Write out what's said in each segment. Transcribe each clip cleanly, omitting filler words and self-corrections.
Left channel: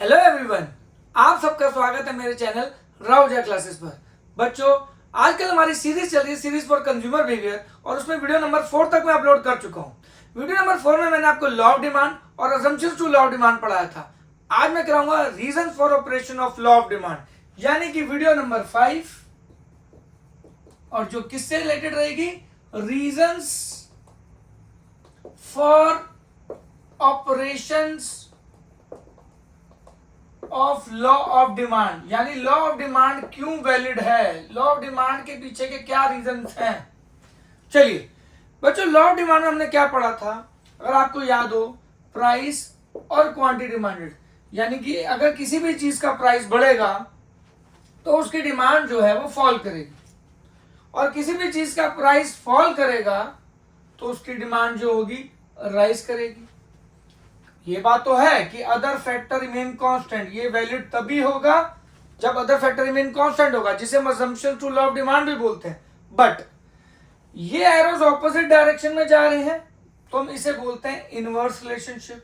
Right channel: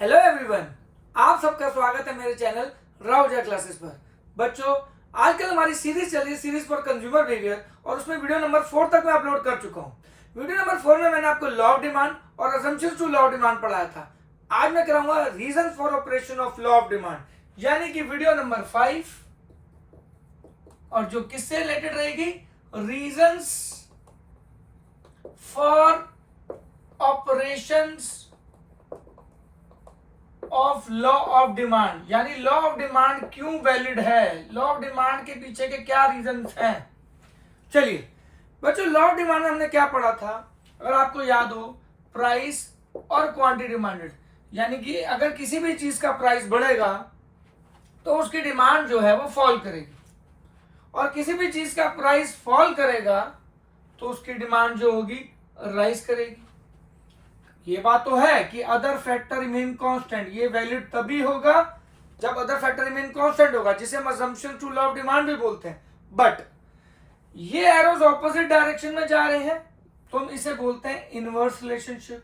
Hello everyone, आप सबका स्वागत है मेरे चैनल राउजा क्लासेस पर। बच्चों, आजकल हमारी सीरीज चल रही है, सीरीज फॉर कंज्यूमर बिहेवियर, और उसमें वीडियो नंबर 4 तक मैं अपलोड कर चुका हूँ। वीडियो नंबर 4 में मैंने आपको लॉ ऑफ डिमांड और assumptions to law of demand पढ़ाया था। आज मैं कराऊंगा reason for operation of law of demand, यानी कि वीडियो नंबर 5, और जो किससे रिलेटेड रहेगी, reasons for operations of law of demand, यानी लॉ ऑफ डिमांड क्यों वैलिड है, लॉ ऑफ डिमांड के पीछे के क्या रीजंस हैं। चलिए बच्चों, लॉ ऑफ डिमांड में हमने क्या पढ़ा था, अगर आपको याद हो, प्राइस और क्वांटिटी डिमांडेड, यानी कि अगर किसी भी चीज का प्राइस बढ़ेगा तो उसकी डिमांड जो है वो फॉल करेगी, और किसी भी चीज का प्राइस फॉल करेगा तो उसकी डिमांड जो होगी राइज करेगी। ये बात तो है कि अदर फैक्टर रिमेन कांस्टेंट, ये वैलिड तभी होगा जब अदर फैक्टर रिमेन कांस्टेंट होगा, जिसे हम assumption to law of demand भी बोलते हैं। बट ये एरोज ऑपोजिट डायरेक्शन में जा रहे हैं तो हम इसे बोलते हैं इनवर्स रिलेशनशिप।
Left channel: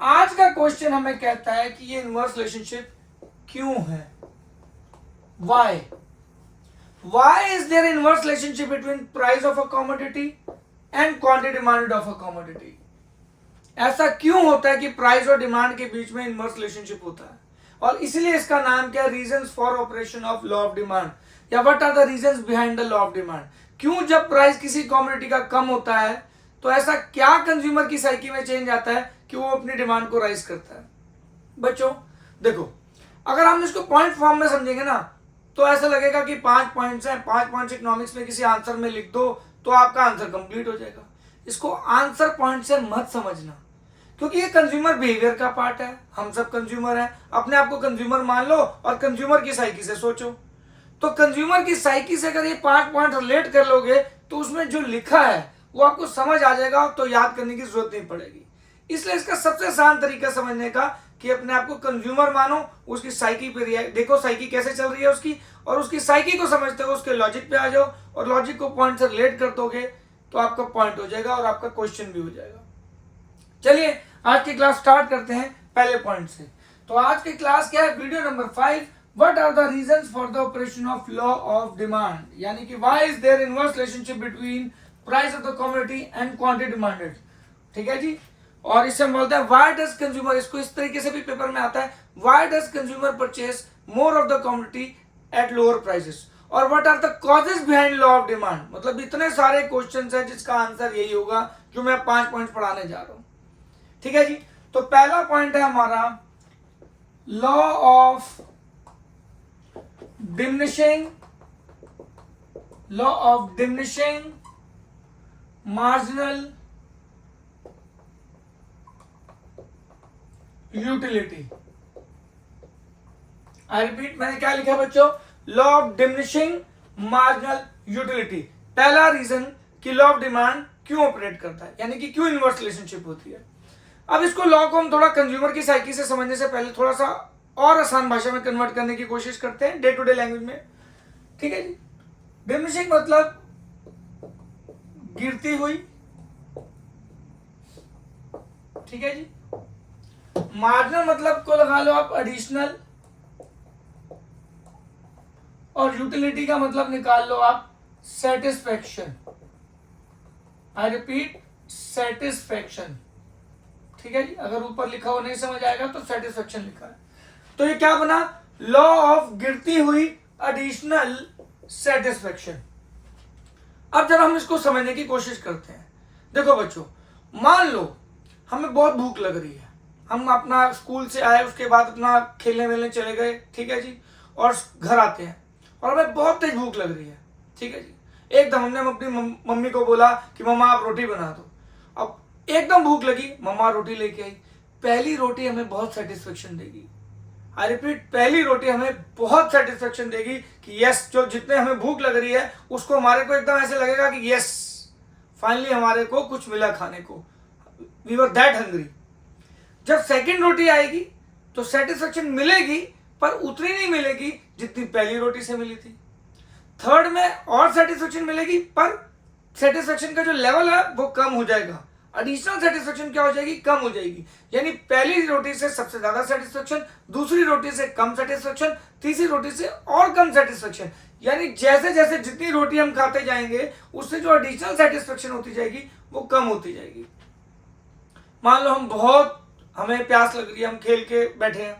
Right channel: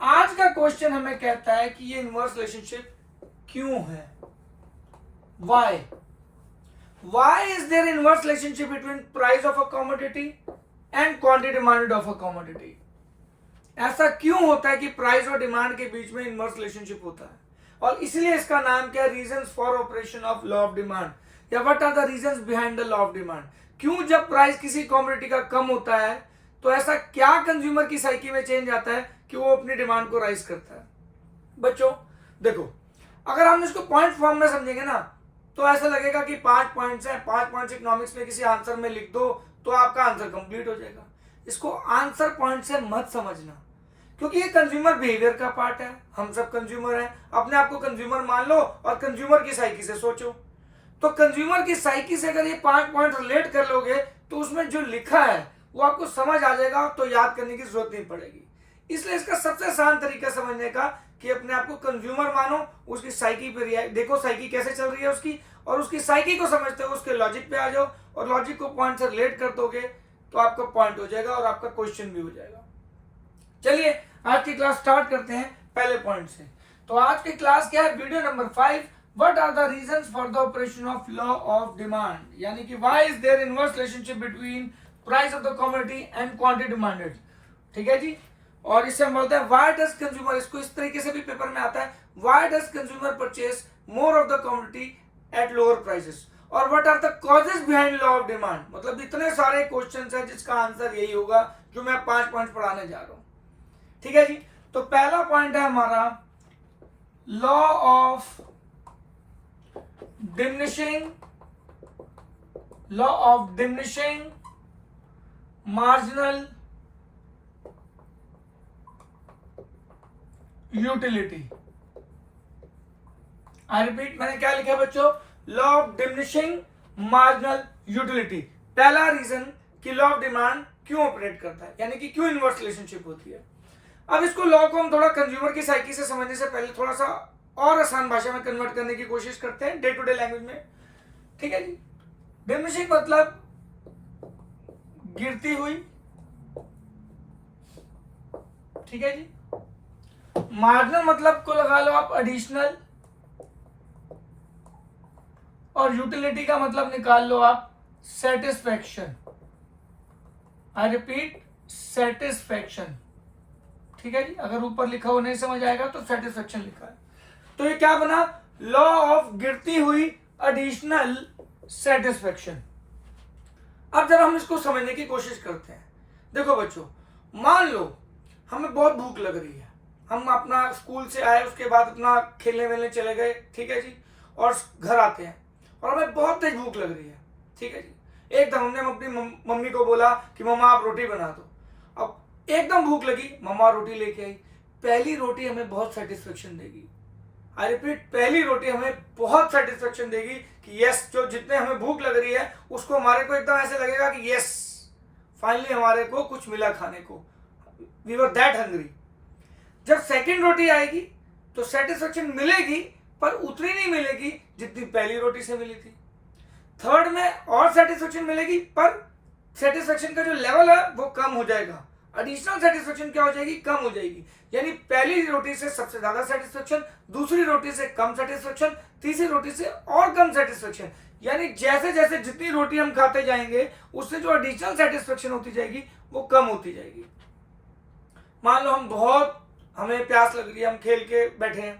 आज का क्वेश्चन हमें कहता है कि ये इनवर्स रिलेशनशिप क्यों है, why is there inverse relationship between price of a commodity and quantity demanded of a commodity. ऐसा क्यों होता है कि प्राइस और डिमांड के बीच में इनवर्स रिलेशनशिप होता है, और इसलिए इसका नाम क्या है, reasons for operation of law of demand, या what are the reasons behind the law of demand. क्यों जब प्राइस किसी कमोडिटी का कम होता है तो ऐसा क्या कंज्यूमर की साइकी में चेंज आता है कि वो अपनी डिमांड को राइज करता है। बच्चों देखो, अगर हम इसको पॉइंट फॉर्म में समझेंगे ना तो ऐसा लगेगा कि 5 पॉइंट्स हैं, 5 पॉइंट्स इकोनॉमिक्स में किसी आंसर में लिख दो तो आपका आंसर कंप्लीट हो जाएगा। इसको आंसर पॉइंट से मत समझना, क्योंकि ये कंज्यूमर बिहेवियर का पार्ट है। हम सब कंज्यूमर हैं, अपने आप को कंज्यूमर मान लो और कंज्यूमर की साइकी से सोचो। तो कंज्यूमर की साइकी से अगर ये 5 पॉइंट रिलेट कर लोगे तो उसमें जो लिखा है वो आपको समझ आ जाएगा, तो याद करने की जरूरत नहीं पड़ेगी। इसलिए इसका सबसे आसान तरीका समझने का कि अपने आप को कंज्यूमर मानो, उसकी साइकी पे देखो साइकी कैसे चल रही है उसकी, और उसकी साइकी को समझते हो उसके लॉजिक पे आ जाओ, और लॉजिक को पॉइंट से रिलेट कर दोगे तो आपका पॉइंट हो जाएगा और आपका क्वेश्चन भी हो जाएगा। चलिए आज की क्लास स्टार्ट करते हैं पहले पॉइंट से। तो आज की क्लास क्या है, video number 5, what are the reasons for the operation of law of demand, यानी कि why is there inverse relationship between price of the commodity and quantity demanded. ठीक है जी, और इससे हम बोलते हैं व्हाई डज कंज्यूमर, इसको इस तरीके से भी पेपर में आता है, why does consumer purchase more of the commodity at lower prices, और what are the causes behind law of demand. मतलब इतने सारे क्वेश्चंस हैं जिसका आंसर यही होगा जो मैं 5 पॉइंट पढ़ाने जा रहा हूं। ठीक है जी, तो पहला पॉइंट है हमारा law of diminishing marginal utility. I repeat, मैंने क्या लिखा बच्चों, law of diminishing marginal utility. पहला रीजन कि लॉ ऑफ डिमांड क्यों ऑपरेट करता है, यानी कि क्यों इनवर्स रिलेशनशिप होती है। अब इसको लॉ को हम थोड़ा कंज्यूमर की साइकी से समझने से पहले थोड़ा सा और आसान भाषा में कन्वर्ट करने की कोशिश करते हैं, डे टू डे लैंग्वेज में। ठीक है जी, डिमिनिशिंग मतलब गिरती हुई, ठीक है जी। मार्जिनल मतलब को लगा लो आप एडिशनल, और यूटिलिटी का मतलब निकाल लो आप सेटिस्फैक्शन। I repeat, satisfaction. ठीक है जी, अगर ऊपर लिखा हुआ नहीं समझ आएगा तो सेटिस्फैक्शन लिखा है। तो ये क्या बना, लॉ ऑफ गिरती हुई एडिशनल सेटिस्फैक्शन। अब जब हम इसको समझने की कोशिश करते हैं, देखो बच्चों, मान लो हमें बहुत भूख लग रही है, हम अपना स्कूल से आए, उसके बाद अपना खेलने वेलने चले गए, ठीक है जी, और घर आते हैं और हमें बहुत तेज भूख लग रही है। ठीक है जी, एकदम हमने अपनी मम्मी को बोला कि मम्मा आप रोटी बना दो। अब एकदम भूख लगी, मम्मा रोटी लेके आई। पहली रोटी हमें बहुत सेटिस्फेक्शन देगी। आई रिपीट, पहली रोटी हमें बहुत सेटिस्फेक्शन देगी कि यस, जो जितने हमें भूख लग रही है उसको हमारे को एकदम ऐसे लगेगा कि यस, फाइनली हमारे को कुछ मिला खाने को, वी वर दैट हंग्री। जब सेकंड रोटी आएगी तो सेटिस्फेक्शन मिलेगी, पर उतनी नहीं मिलेगी जितनी पहली रोटी से मिली थी। थर्ड में और सेटिस्फेक्शन मिलेगी, पर सेटिस्फेक्शन का जो लेवल है वो कम हो जाएगा। एडिशनल सेटिस्फेक्शन क्या हो जाएगी, कम हो जाएगी। यानी पहली रोटी से सबसे ज्यादा सेटिस्फेक्शन, दूसरी रोटी से कम सेटिस्फेक्शन, तीसरी रोटी से और कम सेटिस्फेक्शन। यानी जैसे जैसे जितनी रोटी हम खाते जाएंगे उससे जो एडिशनल सेटिस्फेक्शन होती जाएगी वो कम होती जाएगी। मान लो हमें प्यास लग रही है, हम खेल के बैठे हैं,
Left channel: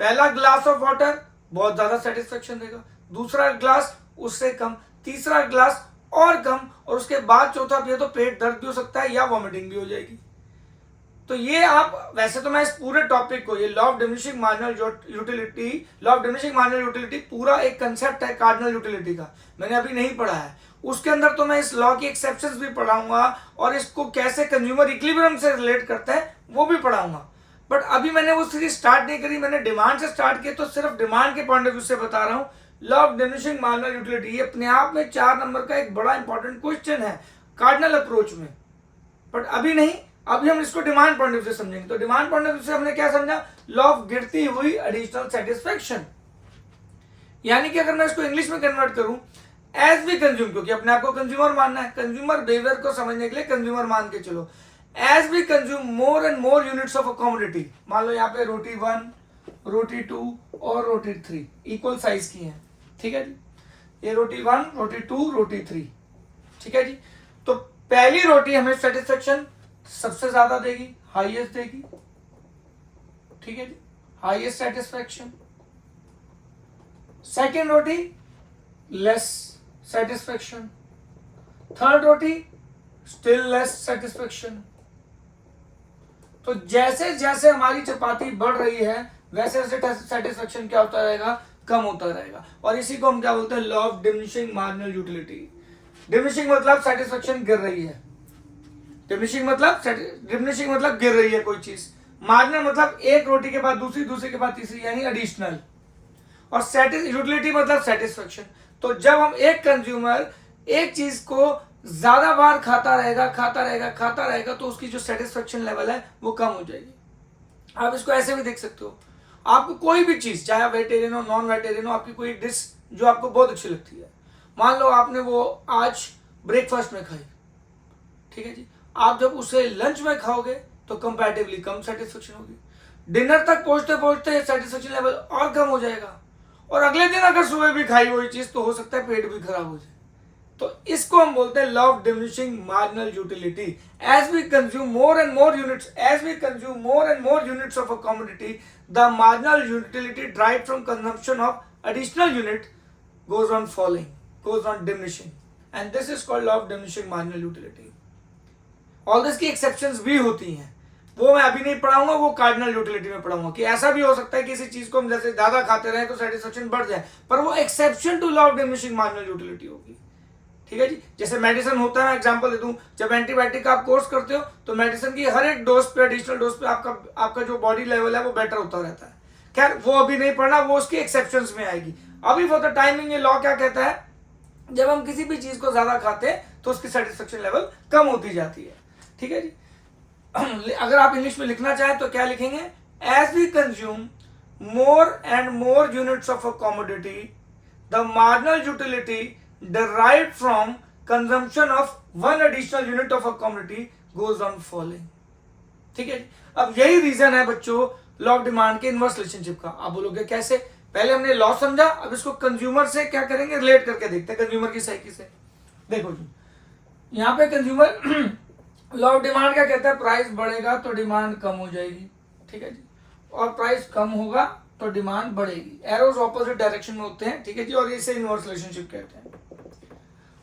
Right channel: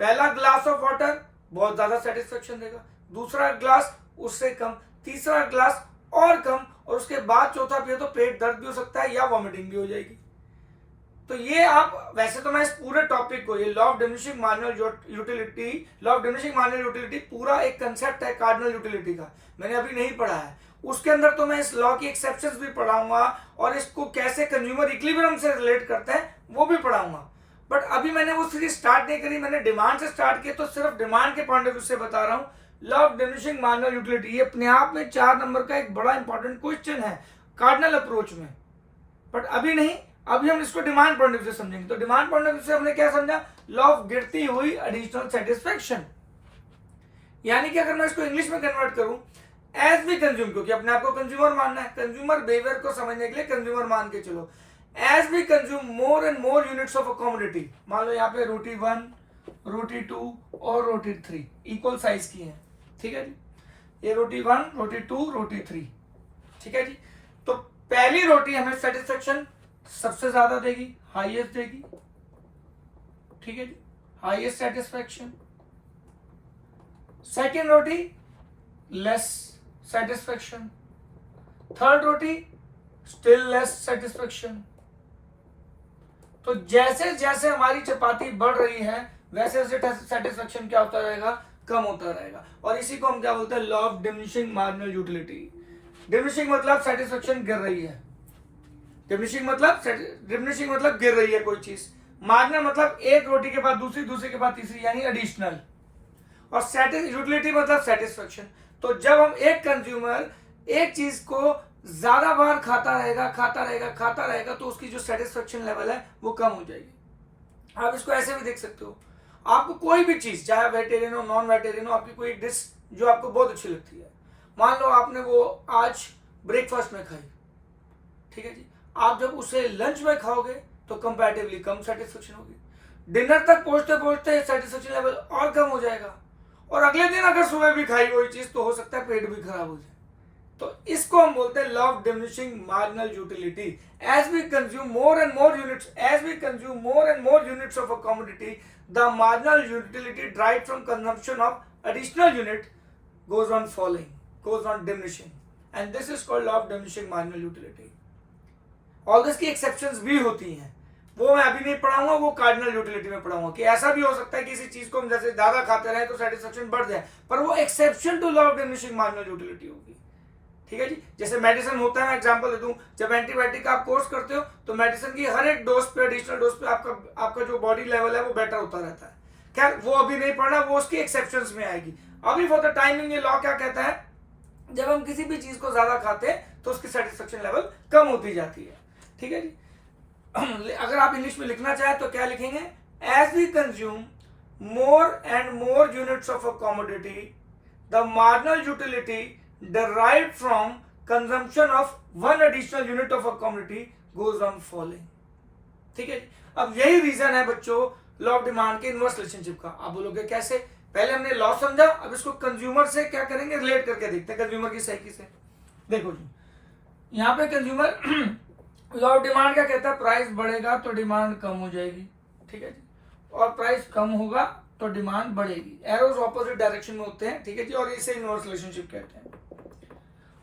पहला ग्लास ऑफ वाटर बहुत ज्यादा सेटिस्फेक्शन देगा, दूसरा ग्लास उससे कम, तीसरा ग्लास और कम, और उसके बाद चौथा पिए तो पेट दर्द भी हो सकता है या वॉमिटिंग भी हो जाएगी। तो ये आप, वैसे तो मैं इस पूरे टॉपिक को, ये law of diminishing marginal utility पूरा एक कंसेप्ट है कार्डिनल यूटिलिटी का, मैंने अभी नहीं पढ़ा है। उसके अंदर तो मैं इस लॉ की एक्सेप्शंस भी पढ़ाऊंगा और इसको कैसे कंज्यूमर इक्विलिब्रियम से रिलेट करता है वो भी पढ़ाऊंगा। बट अभी मैंने वो सीरीज स्टार्ट नहीं करी, मैंने डिमांड से स्टार्ट किया, तो सिर्फ डिमांड के पॉइंट ऑफ व्यू से बता रहा हूँ। Law of diminishing marginal utility ये अपने आप में 4 नंबर का एक बड़ा इंपॉर्टेंट क्वेश्चन है कार्डिनल अप्रोच में, बट अभी नहीं, अभी हम इसको डिमांड पॉइंट ऑफ व्यू से समझेंगे। तो डिमांड पॉइंट ऑफ व्यू से हमने क्या समझा, लॉ ऑफ गिरती हुई एडिशनल सेटिस्फेक्शन। यानी कि अगर मैं इसको इंग्लिश में कन्वर्ट करूं, एज वी कंज्यूम, क्योंकि अपने आप को कंज्यूमर मानना है, कंज्यूमर बिहेवियर को समझने के लिए कंज्यूमर मान के चलो, as we consume more and more units of a commodity, मान लो यहाँ पे रोटी 1, रोटी 2 और रोटी 3 इक्वल साइज की है, ठीक है जी, ये रोटी 1, रोटी 2, रोटी 3, ठीक है जी। तो पहली रोटी हमें सेटिस्फेक्शन सबसे ज्यादा देगी, हाईएस्ट देगी, ठीक है जी, हाईएस्ट सेटिस्फेक्शन। सेकेंड रोटी लेस सेटिस्फेक्शन, थर्ड रोटी स्टिल लेस सेटिस्फेक्शन। तो जैसे जैसे हमारी चपाती बढ़ रही है वैसे वैसे सेटिस्फेक्शन क्या होता रहेगा, कम होता रहेगा। और इसी को हम क्या बोलते हैं, law of diminishing marginal utility. Diminishing मतलब सेटिस्फेक्शन गिर रही है, डिमिनिशिंग मतलब गिर रही है कोई चीज, मार्जिनल मतलब एक रोटी के बाद दूसरी, दूसरे के बाद तीसरी, यानी एडिशनल, और यूटिलिटी मतलब सेटिस्फेक्शन। तो जब हम एक कंज्यूमर एक चीज को ज्यादा बार खाता रहेगा तो उसकी जो सेटिस्फेक्शन लेवल है वो कम हो जाएगी। आप इसको ऐसे भी देख सकते हो, आपको कोई भी चीज, चाहे वेजिटेरियन हो नॉन वेजिटेरियन हो, आपकी कोई डिश जो आपको बहुत अच्छी लगती है, मान लो आपने वो आज ब्रेकफास्ट में खाई, ठीक है जी, आप जब उसे लंच में खाओगे तो कंपैरेटिवली कम सेटिस्फेक्शन होगी, डिनर तक पहुंचते पहुंचते सेटिस्फेक्शन लेवल और कम हो जाएगा, और अगले दिन अगर सुबह भी खाई वही चीज तो हो सकता है पेट भी खराब हो जाए। तो इसको हम बोलते हैं law of diminishing marginal utility. As we consume more and more units of a commodity, the marginal utility derived from consumption of additional unit goes on falling, goes on diminishing, and this is called law of diminishing marginal utility. All this की exceptions भी होती हैं, वो मैं अभी नहीं पढ़ाऊंगा, वो कार्डिनल यूटिलिटी में पढ़ाऊंगा कि ऐसा भी हो सकता है कि किसी चीज को हम जैसे ज्यादा खाते रहे तो सेटिस्फेक्शन बढ़ जाए, पर वो exception to law of diminishing marginal utility होगी, ठीक है जी। जैसे मेडिसिन होता है, एग्जांपल दे दूं, जब एंटीबायोटिक आप कोर्स करते हो तो मेडिसिन की हर एक डोज पे, एडिशनल डोज पे आपका जो बॉडी लेवल है वो बेटर होता रहता है। खैर वो अभी नहीं पढ़ना, वो उसकी एक्सेप्शंस में आएगी। अभी फॉर द टाइमिंग ये लॉ क्या कहता है, जब हम किसी भी चीज को ज्यादा खाते हैं तो उसकी सेटिस्फेक्शन लेवल कम होती जाती है, ठीक है जी। अगर आप इंग्लिश में लिखना चाहें तो क्या लिखेंगे, as we consume more and more units of a commodity, the marginal utility derived from consumption of one additional unit of a commodity goes on falling, ठीक है। अब यही रीजन है बच्चों लॉ ऑफ डिमांड के इनवर्स रिलेशनशिप का। आप बोलोगे कैसे, पहले हमने लॉ समझा, अब इसको कंज्यूमर से क्या करेंगे, रिलेट करके देखते हैं कंज्यूमर की साइकी से। देखो जी, यहाँ पे कंज्यूमर लॉ ऑफ डिमांड क्या कहता है, प्राइस बढ़ेगा तो डिमांड कम हो जाएगी, ठीक है जी, और प्राइस कम होगा तो डिमांड बढ़ेगी। एरोज ऑपोजिट डायरेक्शन में होते हैं, ठीक है जी, और इसे इनवर्स रिलेशनशिप कहते हैं।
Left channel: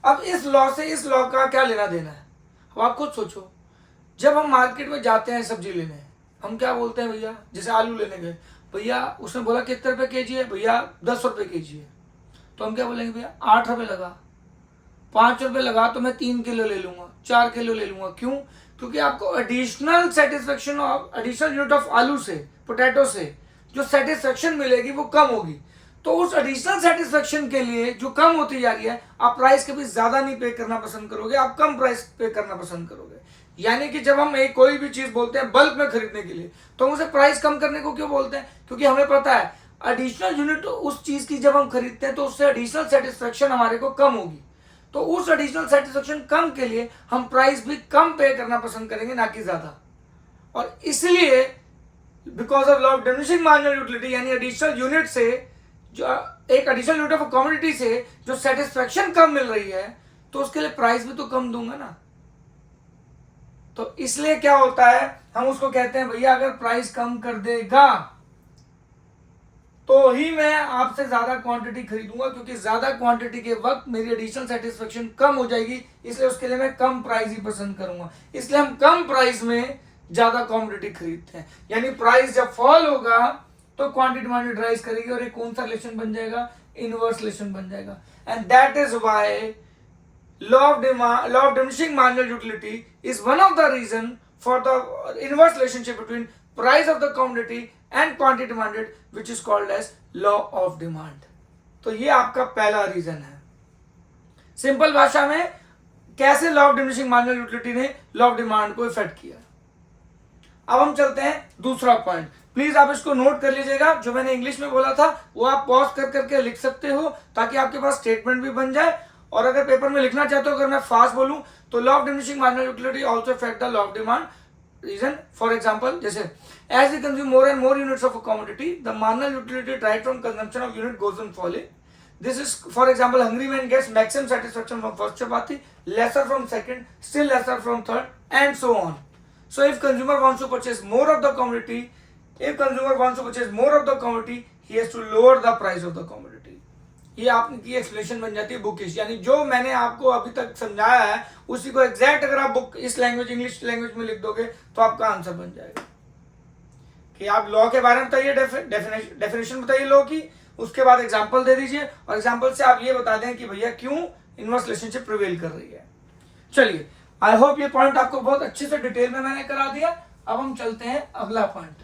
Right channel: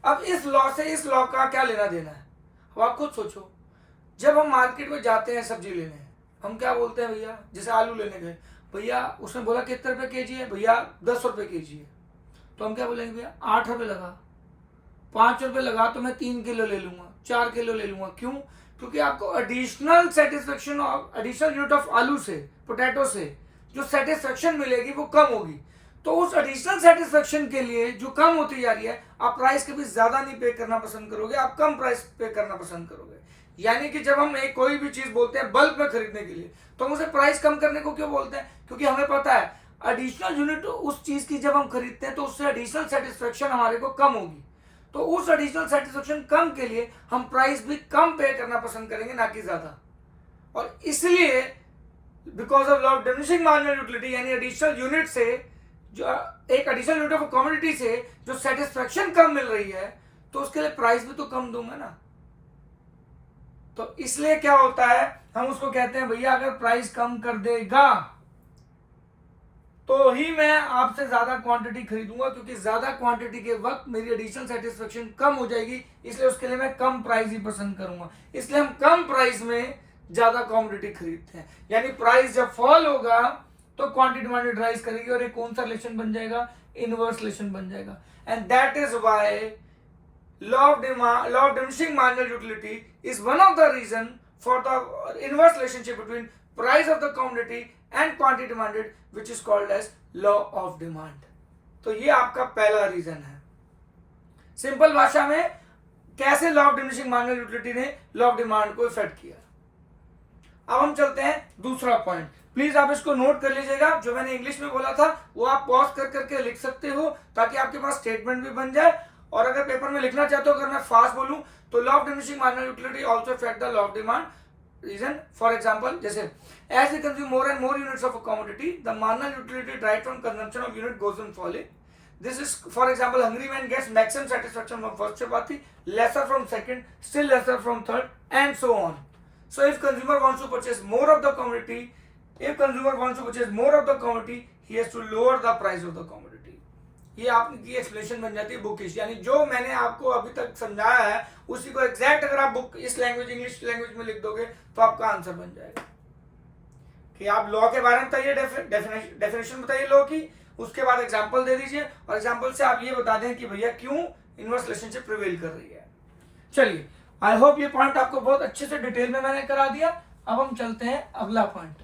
अब इस लॉ से इस लॉ का क्या लेना देना है, अब आप खुद सोचो। जब हम मार्केट में जाते हैं सब्जी लेने, हम क्या बोलते हैं, भैया जैसे आलू लेने गए, भैया उसने बोला कितने रुपए केजी है, भैया 10 रुपए केजी है, तो हम क्या बोलेंगे, भैया 8 रुपए लगा, 5 रुपए लगा तो मैं 3 किलो ले लूंगा, 4 किलो ले लूंगा। क्यों, क्योंकि आपको additional satisfaction of additional unit of आलू से, पोटैटो से जो सेटिस्फेक्शन मिलेगी वो कम होगी। तो उस एडिशनल सेटिस्फेक्शन के लिए जो कम होती जा रही है, आप प्राइस कभी ज्यादा नहीं पे करना पसंद करोगे, आप कम प्राइस पे करना पसंद करोगे। यानी कि जब हम एक कोई भी चीज बोलते हैं बल्क में खरीदने के लिए, तो हम उसे प्राइस कम करने को क्यों बोलते हैं, क्योंकि हमें पता है एडिशनल यूनिट उस चीज की जब हम खरीदते हैं तो उससे एडिशनल सेटिस्फेक्शन हमारे को कम होगी। तो उस एडिशनल सेटिस्फेक्शन कम के लिए हम प्राइस भी कम पे करना पसंद करेंगे, ना कि ज्यादा। और इसलिए because of law of diminishing marginal utility, यानी एडिशनल यूनिट से, जो एक एडिशनल यूनिट ऑफ कमोडिटी से जो सेटिस्फेक्शन कम मिल रही है, तो उसके लिए प्राइस भी तो कम दूंगा ना। तो इसलिए क्या होता है, हम उसको कहते हैं भैया अगर प्राइस कम कर देगा तो ही मैं आपसे ज्यादा क्वांटिटी खरीदूंगा, क्योंकि ज्यादा क्वांटिटी के वक्त मेरी एडिशनल सेटिस्फेक्शन कम हो जाएगी, इसलिए उसके लिए मैं कम प्राइस ही पसंद करूंगा। इसलिए हम कम प्राइस में ज्यादा कमोडिटी खरीदते हैं। यानी प्राइस जब फॉल होगा तो क्वांटिटी डिमांड राइज करेगी, और एक कौन सा रिलेशन बन जाएगा, इनवर्स रिलेशन बन जाएगा। And that is why law of diminishing marginal utility is one of the reason for the inverse relationship between price of the commodity and quantity demanded, which is called as law of demand. तो ये आपका पहला reason है। Simple भाषा में कैसे law of diminishing marginal utility ने law of demand को इफेक्ट किया। अब हम चलते हैं दूसरा पॉइंट। प्लीज आप इसको नोट कर लीजिएगा, जो मैंने इंग्लिश में बोला था वो आप पॉज कर करके लिख सकते हो, ताकि आपके पास स्टेटमेंट भी बन जाए। और अगर पेपर में लिखना चाहते हो, अगर मैं फास्ट बोलूं तो law of diminishing marginal utility also affect the law of demand reason. For example, जैसे as we consume more and more units of a commodity, the marginal utility right from consumption of unit goes on falling. This is, for example, hungry man gets maximum satisfaction from first chapati, lesser from second, still lesser from third, and so on. So if consumer wants to purchase more of the commodity, he has to lower the price of the commodity. ये आपकी explanation बन जाती है bookish, यानी जो मैंने आपको अभी तक समझाया है उसी को एग्जैक्ट अगर आप बुक इस लैंग्वेज इंग्लिश लैंग्वेज में लिख दोगे तो आपका आंसर बन जाएगा। कि आप लॉ के बारे में बताइए, डेफिनेशन बताइए लॉ की, उसके बाद एग्जांपल दे दीजिए, और एग्जांपल से आप ये बता दें कि भैया क्यों इनवर्स रिलेशनशिप प्रिवेल कर रही है। चलिए, आई होप ये पॉइंट आपको बहुत अच्छे से डिटेल में मैंने करा दिया। अब हम चलते हैं अगला पॉइंट।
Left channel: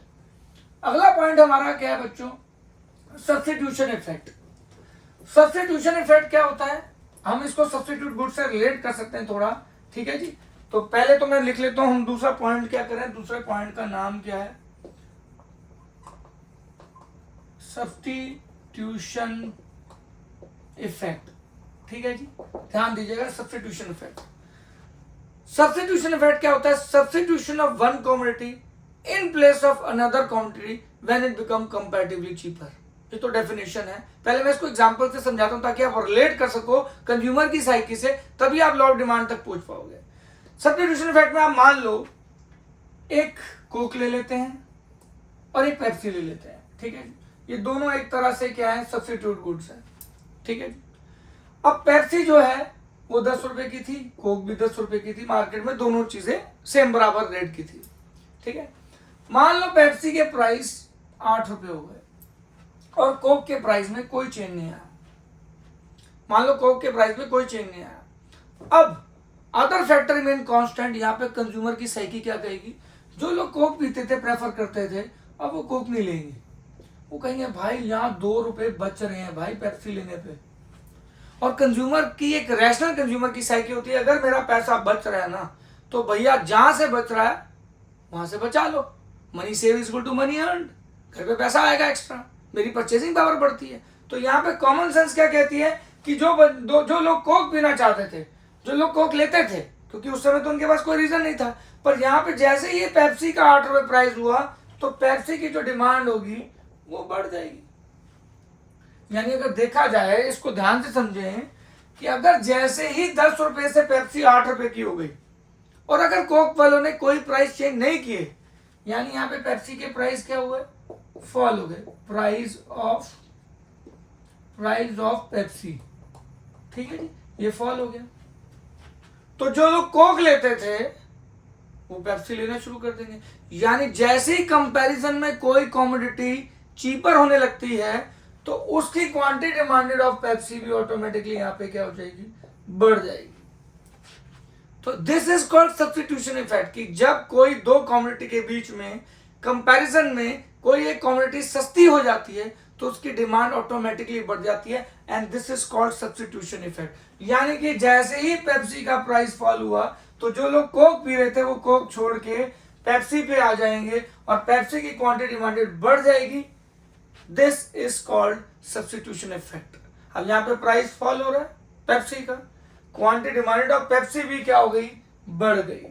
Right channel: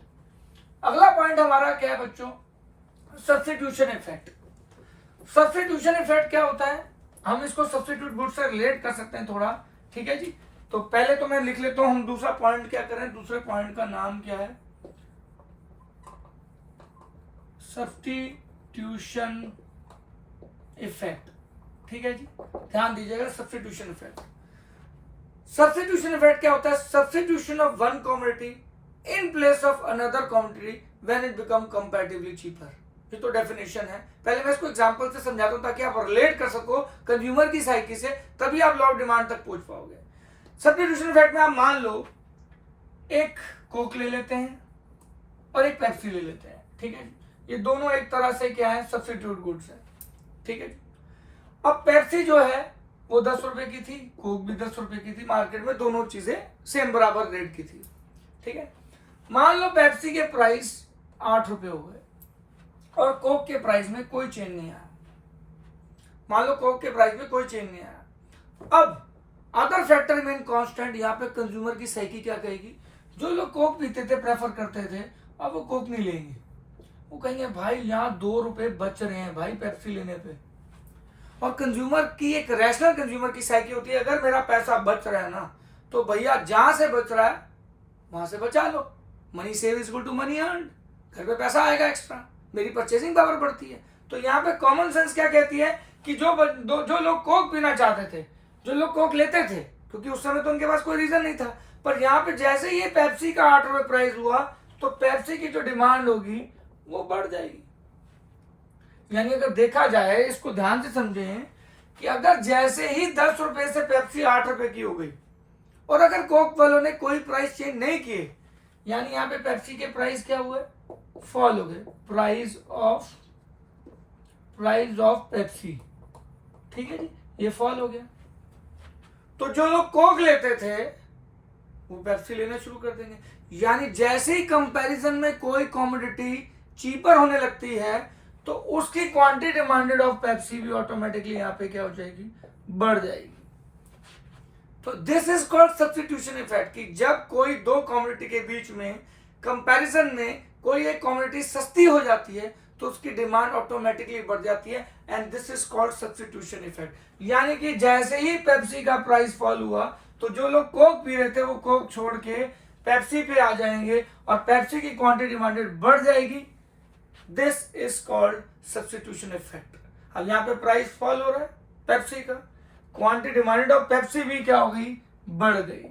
अगला पॉइंट हमारा क्या है बच्चों, सब्स्टिट्यूशन इफेक्ट। सब्स्टिट्यूशन इफेक्ट क्या होता है, हम इसको सब्स्टिट्यूट गुड से रिलेट कर सकते हैं थोड़ा, ठीक है जी। तो पहले तो मैं लिख लेता हूं, हम दूसरा पॉइंट क्या करें, दूसरे पॉइंट का नाम क्या है, सब्स्टिट्यूशन इफेक्ट, ठीक है जी, ध्यान दीजिएगा। सब्स्टिट्यूशन इफेक्ट, सब्स्टिट्यूशन इफेक्ट क्या होता है, substitution of one commodity in place of another commodity when it become comparatively cheaper. ये तो डेफिनेशन है, पहले मैं इसको एग्जांपल से समझाता हूं ताकि आप रिलेट कर सको कंज्यूमर की साइकी से, तभी आप लॉ ऑफ डिमांड तक पहुंच पाओगे। सब्स्टिट्यूशन इफेक्ट में आप मान लो एक कोक ले लेते हैं और एक पेप्सी ले लेते हैं, ठीक है, ये दोनों एक तरह से क्या है, सब्स्टिट्यूट गुड्स है, ठीक है। अब पेप्सी जो है वो 10 रुपए की थी, कोक भी 10 रुपए की थी, मार्केट में दोनों चीजें सेम बराबर रेट की थी, ठीक है। मान लो पेप्सी के प्राइस 8 रुपए हो गए और कोक के प्राइस में कोई चेंज नहीं आया। मान लो कोक के प्राइस में कोई चेंज नहीं आया। अब अदर फैक्टर रिमेन कांस्टेंट, यहाँ पे कंज्यूमर की साइकी क्या कहेगी, जो लोग कोक पीते थे, प्रेफर करते थे, अब वो कोक नहीं लेंगे, वो कहेंगे भाई यहाँ 2 रुपए बच रहे हैं भाई पेप्सी लेने पे। और कंज्यूमर की एक रैशनल कंज्यूमर की साइकी होती है, अगर मेरा पैसा बच रहा है ना तो भैया जहां से बच रहा है वहां से बचा लो। Money save is equal to money earn, घर पे पैसा आएगा एक्स्ट्रा, मेरी परचेसिंग पावर बढ़ती है। तो यहाँ पे कॉमन सेंस क्या कहती है कि जो लोग कोक पीना चाहते थे, जो लोग कोक लेते थे, क्योंकि उस समय तो उनके पास कोई रीजन नहीं था, पर यहाँ पे जैसे ही पेप्सी का 8 रुपए प्राइस हुआ तो पेप्सी की जो डिमांड होगी वो बढ़ जाएगी। यानी अगर देखा जाए, इसको ध्यान से समझें कि अगर जैसे ही 10 रुपए से पेप्सी 8 रुपए की हो गई और अगर कोक वालों ने कोई प्राइस चेंज नहीं किए, यानी यहाँ पे पेप्सी के प्राइस क्या हुए, फॉल हो गए, प्राइस ऑफ पेप्सी, ठीक है जी, ये फॉल हो गया। तो जो लोग कोक लेते थे वो पेप्सी लेना शुरू कर देंगे। यानी जैसे ही कंपैरिजन में कोई कमोडिटी चीपर होने लगती है तो उसकी क्वांटिटी डिमांडेड ऑफ पेप्सी भी ऑटोमेटिकली यहाँ पे क्या हो जाएगी, बढ़ जाएगी। तो this is called substitution effect, कि जब कोई दो कमोडिटी के बीच में कंपैरिजन में कोई एक कमोडिटी सस्ती हो जाती है तो उसकी डिमांड ऑटोमेटिकली बढ़ जाती है, and this is called substitution effect. यानी कि जैसे ही पेप्सी का प्राइस फॉल हुआ तो जो लोग कोक पी रहे थे वो कोक छोड़ के पेप्सी पे आ जाएंगे और पेप्सी की क्वांटिटी डिमांडेड बढ़ जाएगी। This is called substitution effect. अब यहाँ पे प्राइस फॉल हो रहा है पेप्सी का, क्वांटिटी डिमांडेड ऑफ पेप्सी भी क्या हो गई, बढ़ गई।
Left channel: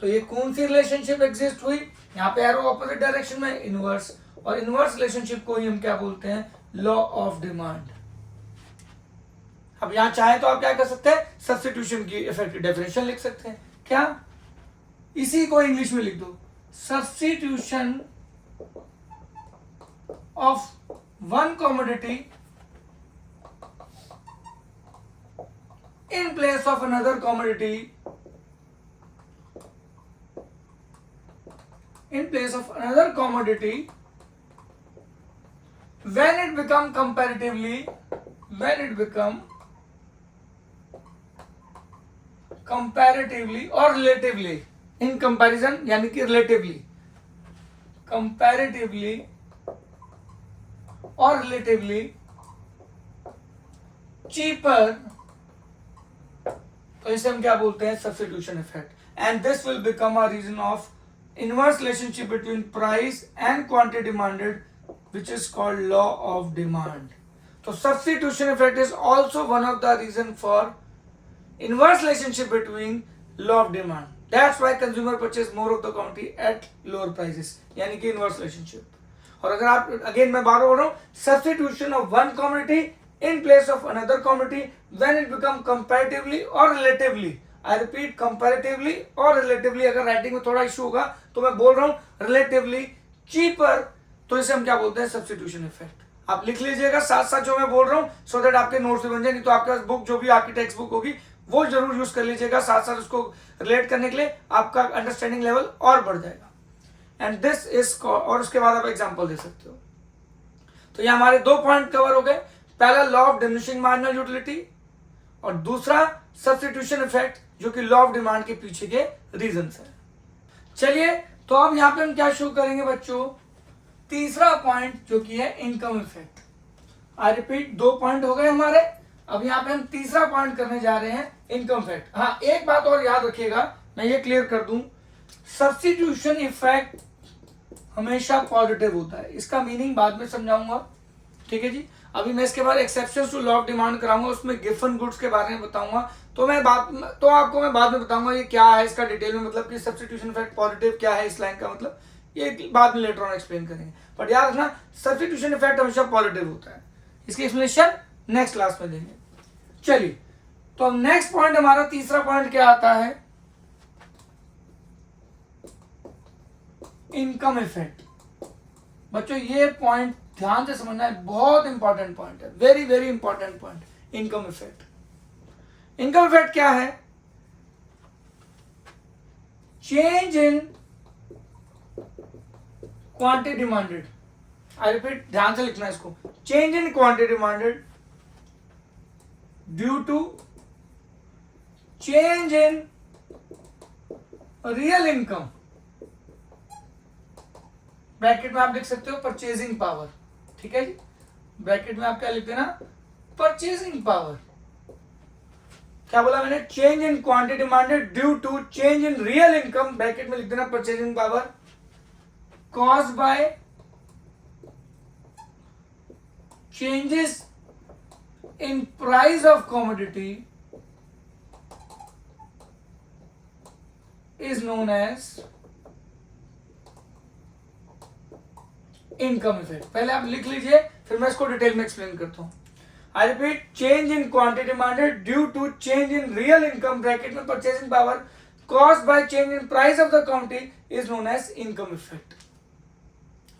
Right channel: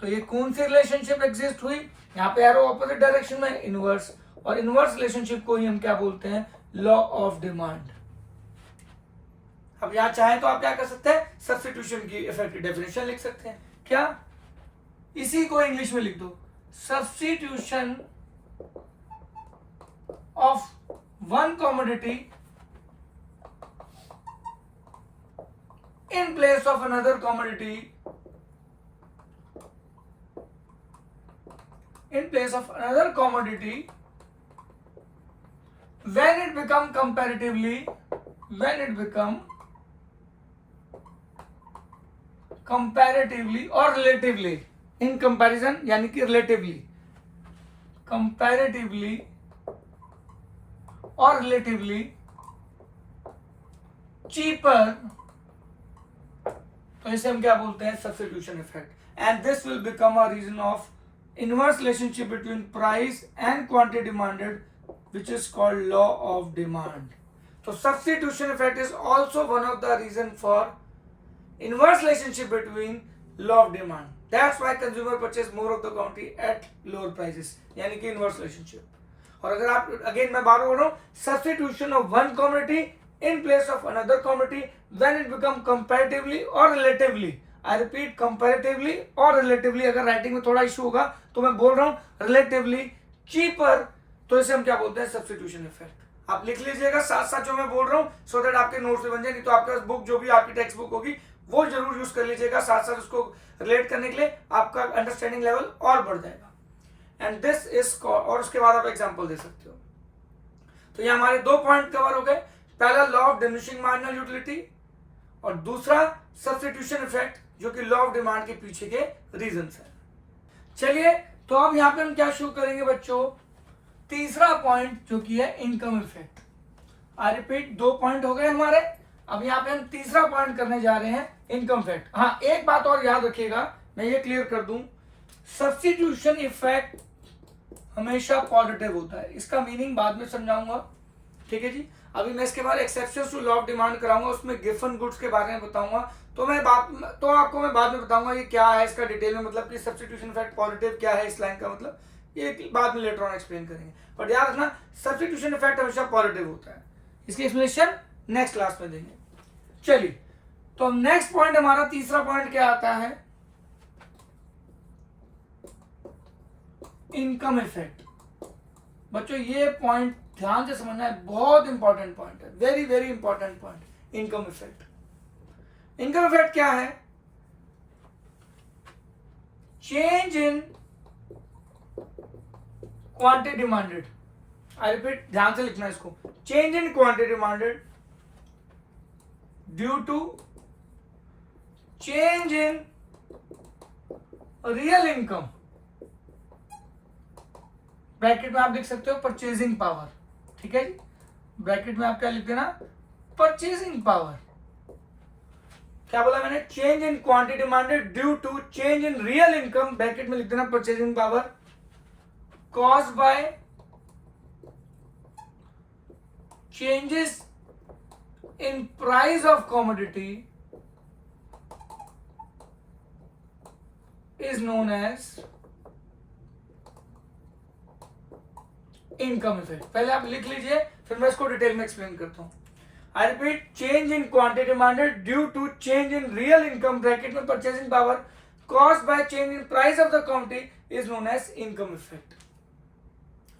तो ये कौन सी रिलेशनशिप एग्जिस्ट हुई, यहाँ पे एरो ऑपोजिट डायरेक्शन में, इनवर्स, और इनवर्स रिलेशनशिप को ही हम क्या बोलते हैं, लॉ ऑफ डिमांड। अब यहां चाहे तो आप क्या कर सकते हैं, सब्स्टिट्यूशन की इफेक्ट की डेफिनेशन लिख सकते हैं, क्या, इसी को इंग्लिश में लिख दो, substitution of one commodity in place of another commodity, in place of another commodity, when it become comparatively, when it become comparatively or relatively, in comparison यानी कि relatively, comparatively or relatively cheaper, तो इसे हम क्या बोलते हैं, substitution effect, and this will become a reason of inverse relationship between price and quantity demanded which is called law of demand. तो substitution effect is also one of the reason for inverse relationship between law of demand, that's why consumer purchase more of the quantity at lower prices, यानी कि inverse relationship. और अगर आप again मैं बार बार बोल रहा हूं, substitution of one commodity in place of another commodity when it become comparatively or relatively, I repeat comparatively or relatively, अगर राइटिंग में थोड़ा इशू होगा तो मैं बोल रहा हूं relatively cheaper, तो इसे हम क्या बोलते हैं, सब्स्टिट्यूशन इफेक्ट। आप लिख लीजिएगा साथ साथ जो मैं बोल रहा हूं, सो दैट आपके नोट्स भी बन जाए, नहीं तो आपके पास बुक जो भी आपकी टेक्स्ट बुक होगी वो जरूर यूज कर लीजिएगा, साथ साथ उसको रिलेट करने के लिए आपका अंडरस्टैंडिंग लेवल और बढ़ जाएगा। एंड दिस इज, और उसके बाद आप एग्जाम्पल दे सकते हो। तो ये हमारे दो पॉइंट कवर हो गए, पहला law of diminishing marginal utility और दूसरा सब्स्टिट्यूशन इफेक्ट, जो कि लॉ ऑफ डिमांड के पीछे के रीजंस है। चलिए तो अब यहां पे हम क्या शो करेंगे बच्चों, तीसरा पॉइंट जो कि है इनकम इफेक्ट। आई रिपीट, दो पॉइंट हो गए हमारे, अब यहां पे हम तीसरा पॉइंट करने जा रहे हैं, इनकम इफेक्ट। हाँ, एक बात और याद रखिएगा, मैं ये क्लियर कर दूं, सब्स्टिट्यूशन इफेक्ट हमेशा पॉजिटिव होता है, इसका मीनिंग बाद में समझाऊंगा, ठीक है जी। अभी मैं इसके बाद exceptions to law of demand कराऊंगा, उसमें गिवन गुड्स के बारे में बताऊंगा, तो आपको मैं बाद में बताऊंगा ये क्या है, इसका डिटेल में, मतलब कि सब्स्टिट्यूशन इफेक्ट पॉजिटिव क्या है, इस लाइन का मतलब, ये बाद में लेटर ऑन एक्सप्लेन करेंगे। बट याद रखना, सब्स्टिट्यूशन इफेक्ट हमेशा पॉजिटिव होता है, इसकी एक्सप्लेनेशन नेक्स्ट क्लास में देंगे। चलिए तो अब नेक्स्ट पॉइंट, हमारा तीसरा पॉइंट क्या आता है, इनकम इफेक्ट। बच्चों ये पॉइंट ध्यान से समझना है, बहुत इंपॉर्टेंट पॉइंट है, very very important point, income effect. Income effect क्या है, change in quantity demanded, I repeat, ध्यान से लिखना है इसको, change in quantity demanded due to change in real income, bracket में आप लिख सकते हो परचेजिंग पावर, ठीक है जी, ब्रैकेट में आप क्या लिख देना, परचेजिंग पावर। क्या बोला मैंने, change in quantity demanded due to change in real income, bracket में लिख देना purchasing power, caused by changes in price of commodity is known as income effect. पहले आप लिख लीजिए, फिर मैं इसको डिटेल में एक्सप्लेन करता हूं। I repeat, change in quantity demanded due to change in real income, bracket में purchasing power, caused by change in price of the commodity is known as income effect.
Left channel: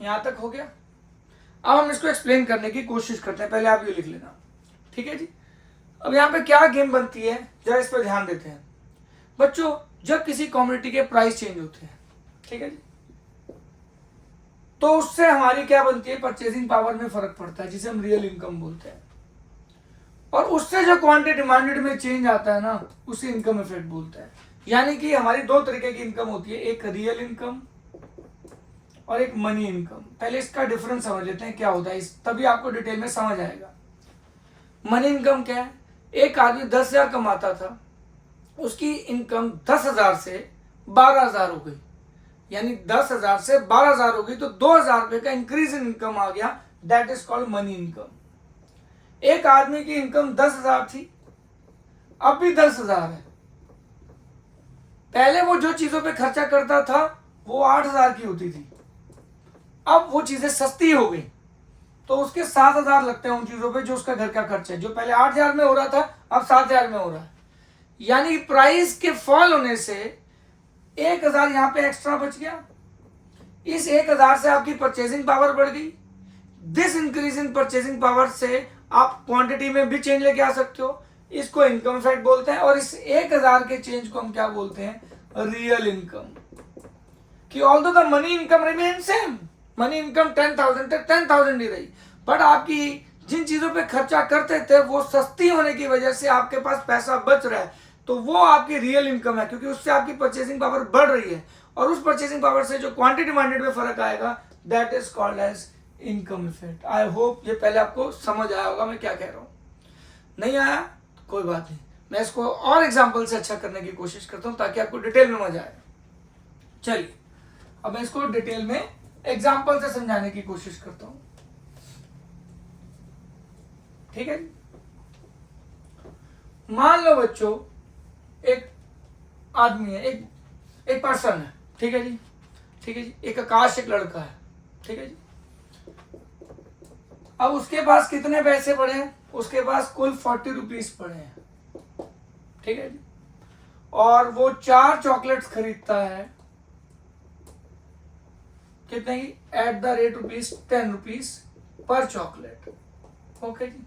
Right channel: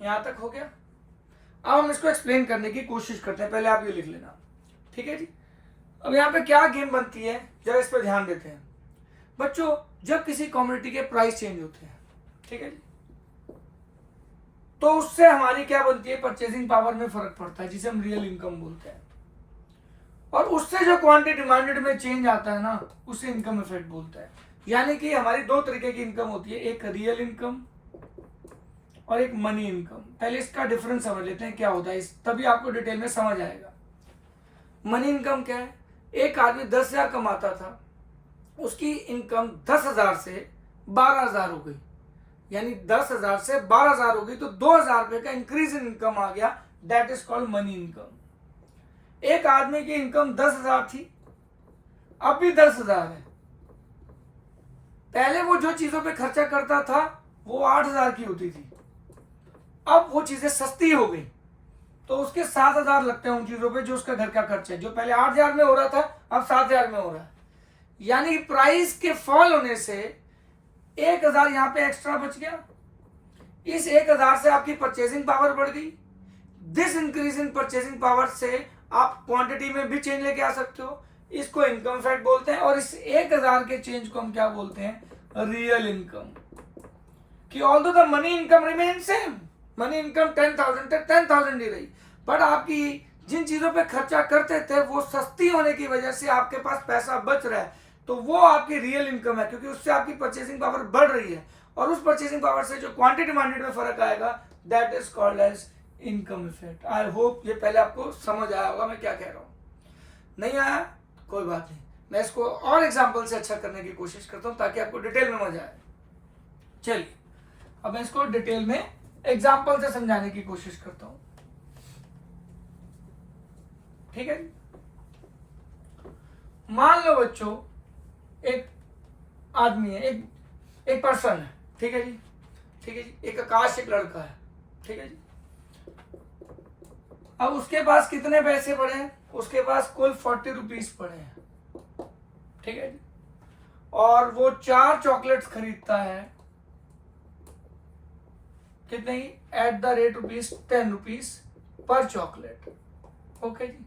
यहां तक हो गया। अब हम इसको एक्सप्लेन करने की कोशिश करते हैं, पहले आप ये लिख लेना, ठीक है जी। अब यहाँ पे क्या गेम बनती है, जरा इस पर ध्यान देते हैं बच्चों। जब किसी कमोडिटी के प्राइस चेंज होते हैं, ठीक है जी, तो उससे हमारी क्या बनती है, परचेजिंग पावर में फर्क पड़ता है, जिसे हम रियल इनकम बोलते हैं। और उससे जो क्वांटिटी डिमांडेड में चेंज आता है ना, उसे इनकम इफेक्ट बोलते हैं। यानी कि हमारी दो तरीके की इनकम होती है, एक रियल इनकम और एक मनी इनकम। पहले इसका डिफरेंस समझ लेते हैं क्या होता है, तभी आपको डिटेल में समझ आएगा। मनी इनकम क्या है, एक आदमी 10,000 कमाता था, उसकी इनकम 10,000 से 12,000 हो गई, यानी 10,000 से 12,000 हो गई, तो 2,000 रुपए का इंक्रीज इन इनकम आ गया, that is called money income. एक आदमी की इनकम 10,000 थी, अब भी 10,000 है। पहले वो जो चीजों पे खर्चा करता था वो 8,000 की होती थी, अब वो चीजें सस्ती हो गई तो उसके 7,000 लगते हैं उन चीजों पे जो उसका घर का खर्चा है। जो पहले 8,000 में हो रहा था अब 7,000 में हो रहा है। यानी कि प्राइस के फॉल होने से 1,000 यहां पे एक्स्ट्रा बच गया। इस 1,000 से आपकी परचेजिंग पावर बढ़ गई। This increase in purchasing power से आप क्वांटिटी में भी चेंज लेके आ सकते हो। इसको इनकम फैक्ट बोलते हैं। और इस 1,000 के चेंज को हम क्या बोलते हैं? Real income. कि although the money income remain same, money income 10,000 तक 10,000 ही रही, बट आपकी जिन चीजों पे खर्चा करते थे वो सस्ती होने की वजह से आपके पास पैसा बच रहा है, तो वो आपकी रियल इनकम है, क्योंकि उससे आपकी परचेसिंग पावर बढ़ रही है। और उस परचेसिंग पावर से जो क्वांटिटी डिमांडेड में फर्क आएगा, that is called as income effect. I hope ये पहले आपको समझ आया होगा मैं क्या कह रहा हूं। नहीं आया कोई बात नहीं, मैं इसको और एग्जांपल से अच्छा करने की कोशिश करता हूं ताकि आपको डिटेल में मजा आए। चलिए अब मैं इसको डिटेल में एग्जांपल से समझाने की कोशिश करता हूं, ठीक है। मान लो बच्चों एक आदमी है, एक पर्सन है, ठीक है जी, ठीक है जी। एक आकाश, एक लड़का है, ठीक है जी। अब उसके पास कितने पैसे पड़े हैं? उसके पास कुल 40 रुपीज पड़े हैं, ठीक है जी। और वो 4 चॉकलेट्स खरीदता है, कितने की? At the rate rupees 10 rupees पर चॉकलेट, ओके जी,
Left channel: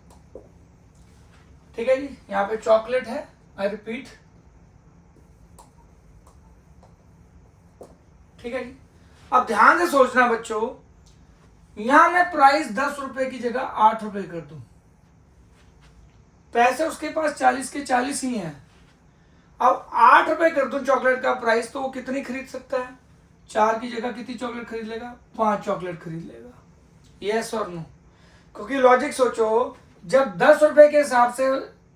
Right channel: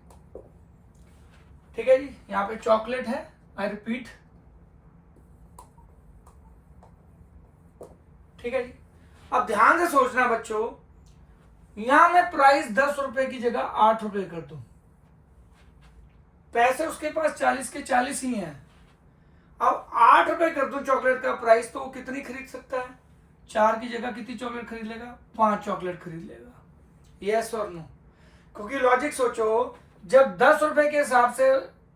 ठीक है जी। यहाँ पे चॉकलेट है, आई रिपीट, ठीक है जी। अब ध्यान से सोचना बच्चों, यहां मैं प्राइस 10 रुपए की जगह 8 रुपए कर दूं, पैसे उसके पास 40 के 40 ही हैं। अब 8 रुपए कर दूं चॉकलेट का प्राइस, तो वो कितनी खरीद सकता है? 4 की जगह कितनी चॉकलेट खरीद लेगा? 5 चॉकलेट खरीद लेगा। यस और नो? क्योंकि लॉजिक सोचो, जब 10 रुपए के हिसाब से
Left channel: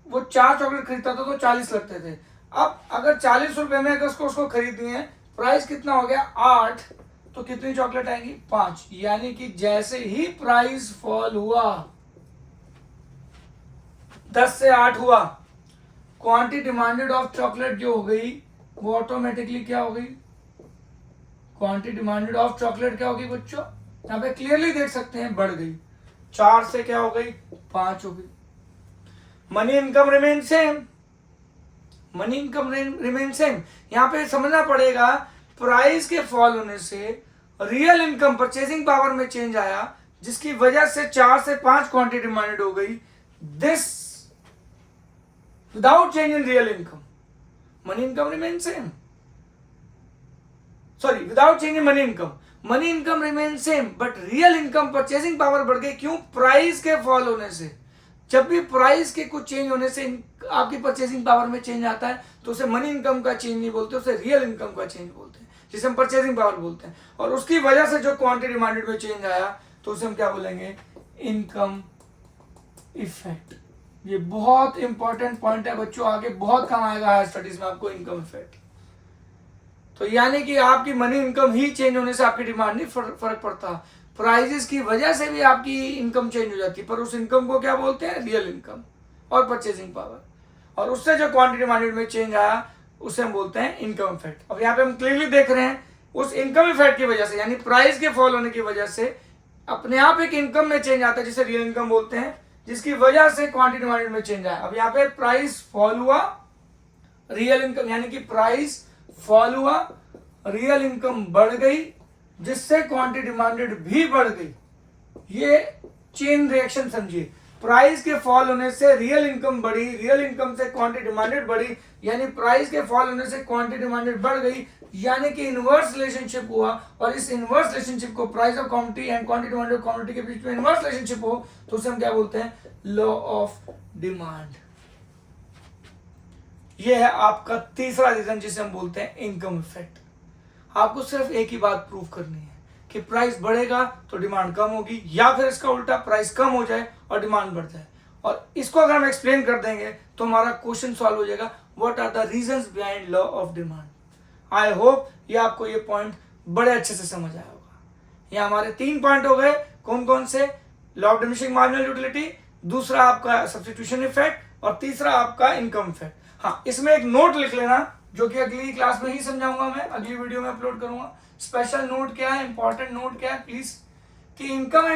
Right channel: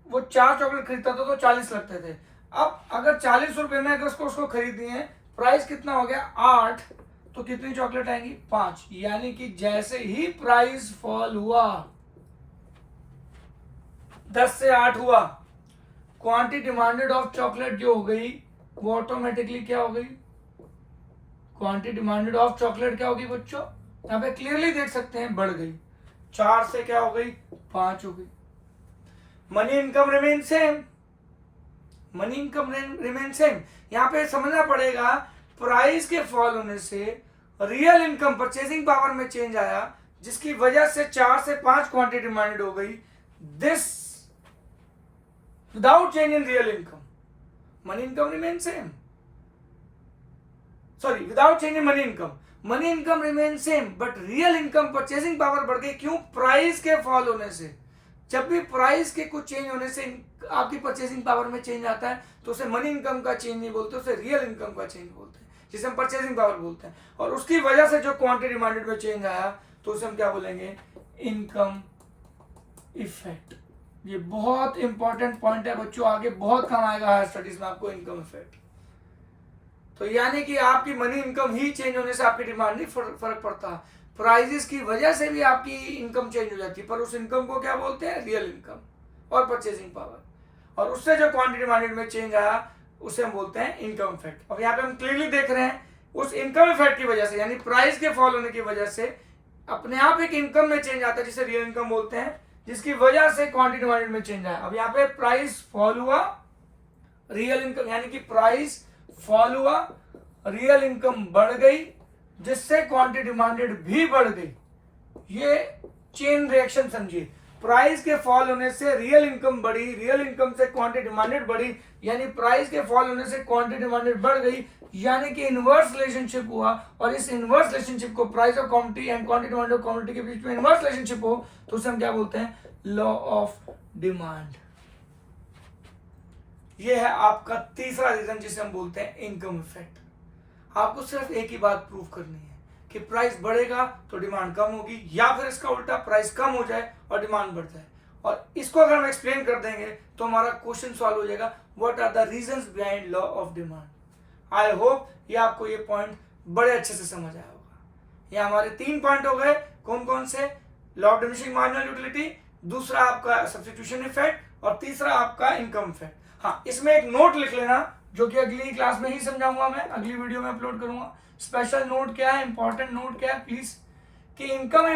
वो 4 चॉकलेट खरीदता था तो 40 लगते थे। अब अगर 40 रुपए में अगर उसको खरीदनी है, प्राइस कितना हो गया? 8, तो कितनी चॉकलेट आएंगी? 5। यानी कि जैसे ही प्राइस फॉल हुआ, 10 से 8 हुआ, क्वांटिटी डिमांडेड ऑफ चॉकलेट जो हो गई वो ऑटोमेटिकली क्या हो गई? क्वांटिटी डिमांडेड ऑफ चॉकलेट क्या होगी बच्चों? यहां पे क्लियरली देख सकते हैं, बढ़ गई। 4 से क्या हो गई? 5 हो गई। Money income remain same, money income remain same. यहां पे समझना पड़ेगा, प्राइस के फॉल होने से रियल इनकम, परचेसिंग पावर में चेंज आया, जिसकी वजह से 4 से 5 क्वांटिटी डिमांडेड हो गई। This without change in real income, money income remain same, sorry, without change in money income, money income remain same, but real income, purchasing power बढ़ गई। क्यों? प्राइस के फॉल होने से। जब भी प्राइस के कुछ चेंज होने से आपकी परचेसिंग पावर में चेंज आता है, तो उसे मनी इनकम का चेंज नहीं बोलते, उसे रियल इनकम का चेंज बोलते हैं, जिसे हम परचेसिंग पावर बोलते हैं। और उसकी वजह से जो क्वांटिटी डिमांडेड में चेंज आया, तो उसे हम क्या बोलेंगे? Income effect. ये बहुत इंपॉर्टेंट पॉइंट है बच्चों, आगे बहुत काम आएगा हायर स्टडीज में आपको, इनकम इफेक्ट। तो यानी कि आपकी मनी इनकम ही चेंज होने से आपकी डिमांड नहीं फर्क पड़ता, प्राइजेस की वजह से भी आपकी इनकम चेंज हो जाती है, पर उस इनकम को क्या बोलते हैं? रियल इनकम और परचेसिंग पावर। और उससे जो क्वांटिटी डिमांडेड में चेंज आया, उसे हम बोलते हैं इनकम इफेक्ट। अब यहाँ पे हम क्लियरली देख रहे हैं, उस इनकम इफेक्ट की वजह से, यानी प्राइस के फॉल होने की वजह से अपने आप एक इनकम में चेंज आता है, जिसे रियल इनकम बोलते हैं, जिसकी वजह से क्वांटिटी डिमांडेड में चेंज आया। अब यहाँ पे प्राइस फॉल हुआ, रियल इनकम, यानी कि प्राइस फॉल हुआ, रियल इनकम बढ़ गई, जिससे क्वांटिटी डिमांडेड भी बढ़ गई। ये चेन रिएक्शन समझिए, प्राइस के फॉल होने से रियल इनकम बढ़ी, रियल इनकम से क्वांटिटी डिमांडेड बढ़ी, यानी प्राइस के फॉल होने से क्वांटिटी डिमांडेड बढ़ गई, यानी कि इनवर्स रिलेशनशिप हुआ। और इस इनवर्स रिलेशनशिप को, price of quantity and quantity demand of quantity के बीच में इनवर्स रिलेशनशिप हो, तो उसे हम क्या बोलते हैं? Law of demand. ये है आपका तीसरा रीजन, जिसे हम बोलते हैं इनकम इफेक्ट। आपको सिर्फ एक ही बात प्रूव करनी है कि प्राइस बढ़ेगा तो डिमांड कम होगी, या फिर इसका उल्टा, प्राइस कम हो जाए और डिमांड बढ़ जाए। और इसको अगर हम एक्सप्लेन कर देंगे तो हमारा क्वेश्चन सॉल्व हो जाएगा, what are the reasons behind law of demand. I hope ये आपको ये पॉइंट बड़े अच्छे से समझ आया होगा। ये हमारे 3 पॉइंट हो गए, कौन कौन से? Law of diminishing marginal utility, दूसरा आपका सब्स्टिट्यूशन इफेक्ट, और तीसरा आपका इनकम इफेक्ट। हाँ, इसमें एक नोट लिख लेना, जो कि अगली क्लास में ही समझाऊंगा, मैं अगली वीडियो में अपलोड करूंगा। स्पेशल नोट क्या है, इंपॉर्टेंट नोट क्या है प्लीज, कि इनकम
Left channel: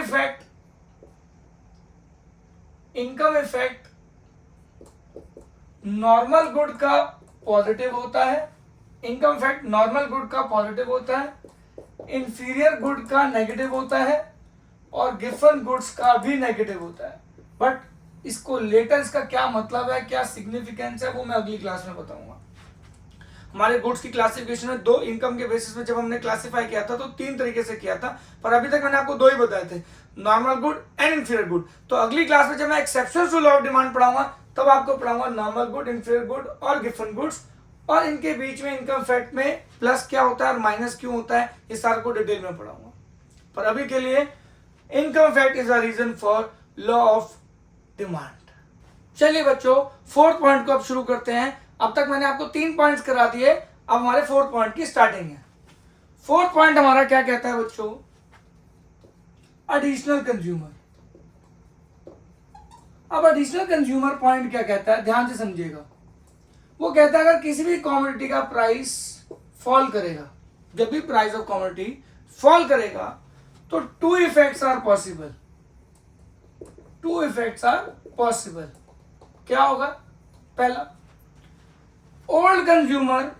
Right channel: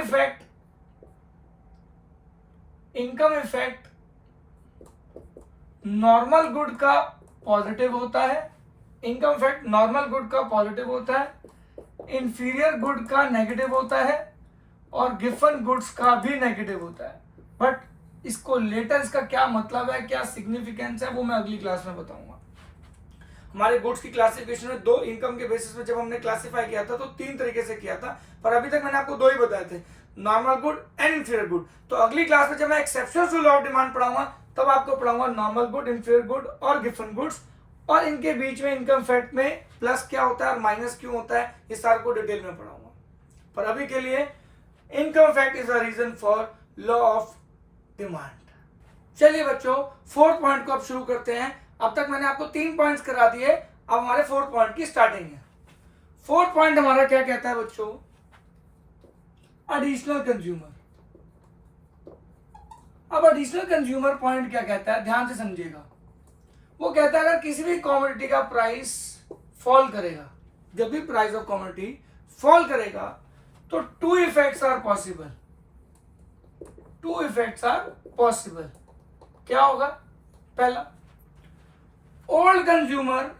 इफेक्ट नॉर्मल गुड का पॉजिटिव होता है, इनकम इफेक्ट नॉर्मल गुड का पॉजिटिव होता है, इंफीरियर गुड का नेगेटिव होता है, और गिवन गुड्स का भी नेगेटिव होता है। बट इसको लेटर इसका क्या मतलब है, क्या सिग्निफिकेंस है, वो मैं अगली क्लास में बताऊंगा। हमारे गुड्स की क्लासिफिकेशन में दो इनकम के बेसिस पे जब हमने क्लासिफाई किया था तो 3 तरीके से किया था, पर अभी तक मैंने आपको 2 ही बताए थे, normal good and inferior good. तो अगली क्लास में जब मैं exceptions to law of demand पढ़ाऊंगा तब आपको पढ़ाऊंगा नॉर्मल गुड, इंफीरियर गुड और गिवन गुड्स, और इनके बीच में इनकम फैक्ट में प्लस क्या होता है और माइनस क्यों होता है, ये सारा को डिटेल में पढ़ाऊंगा। पर अभी के लिए income effect is a reason for law of demand. चलिए बच्चों, 4th पॉइंट को अब शुरू करते हैं। अब तक मैंने आपको 3 पॉइंट्स करा दिए, अब हमारे 4th पॉइंट की स्टार्टिंग है। 4th पॉइंट हमारा क्या कहता है बच्चों, एडिशनल कंज्यूमर। अब एडिशनल कंज्यूमर पॉइंट क्या कहता है, ध्यान से समझिएगा। वो कहता है अगर किसी भी कमोडिटी का प्राइस फॉल करेगा, जब भी प्राइस ऑफ कमोडिटी फॉल करेगा तो 2 effects are possible. 2 effects are possible. क्या होगा, पहला, old consumer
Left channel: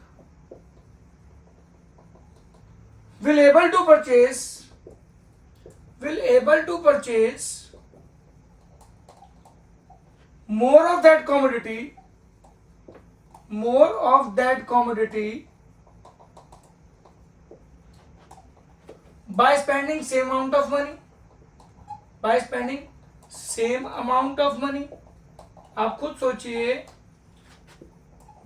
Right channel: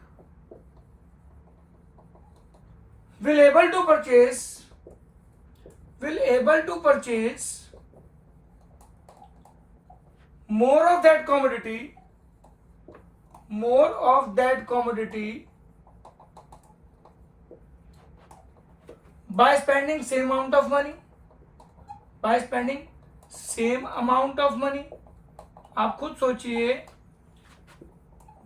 will able to purchase more of that commodity by spending same amount of money। आप खुद सोचिए,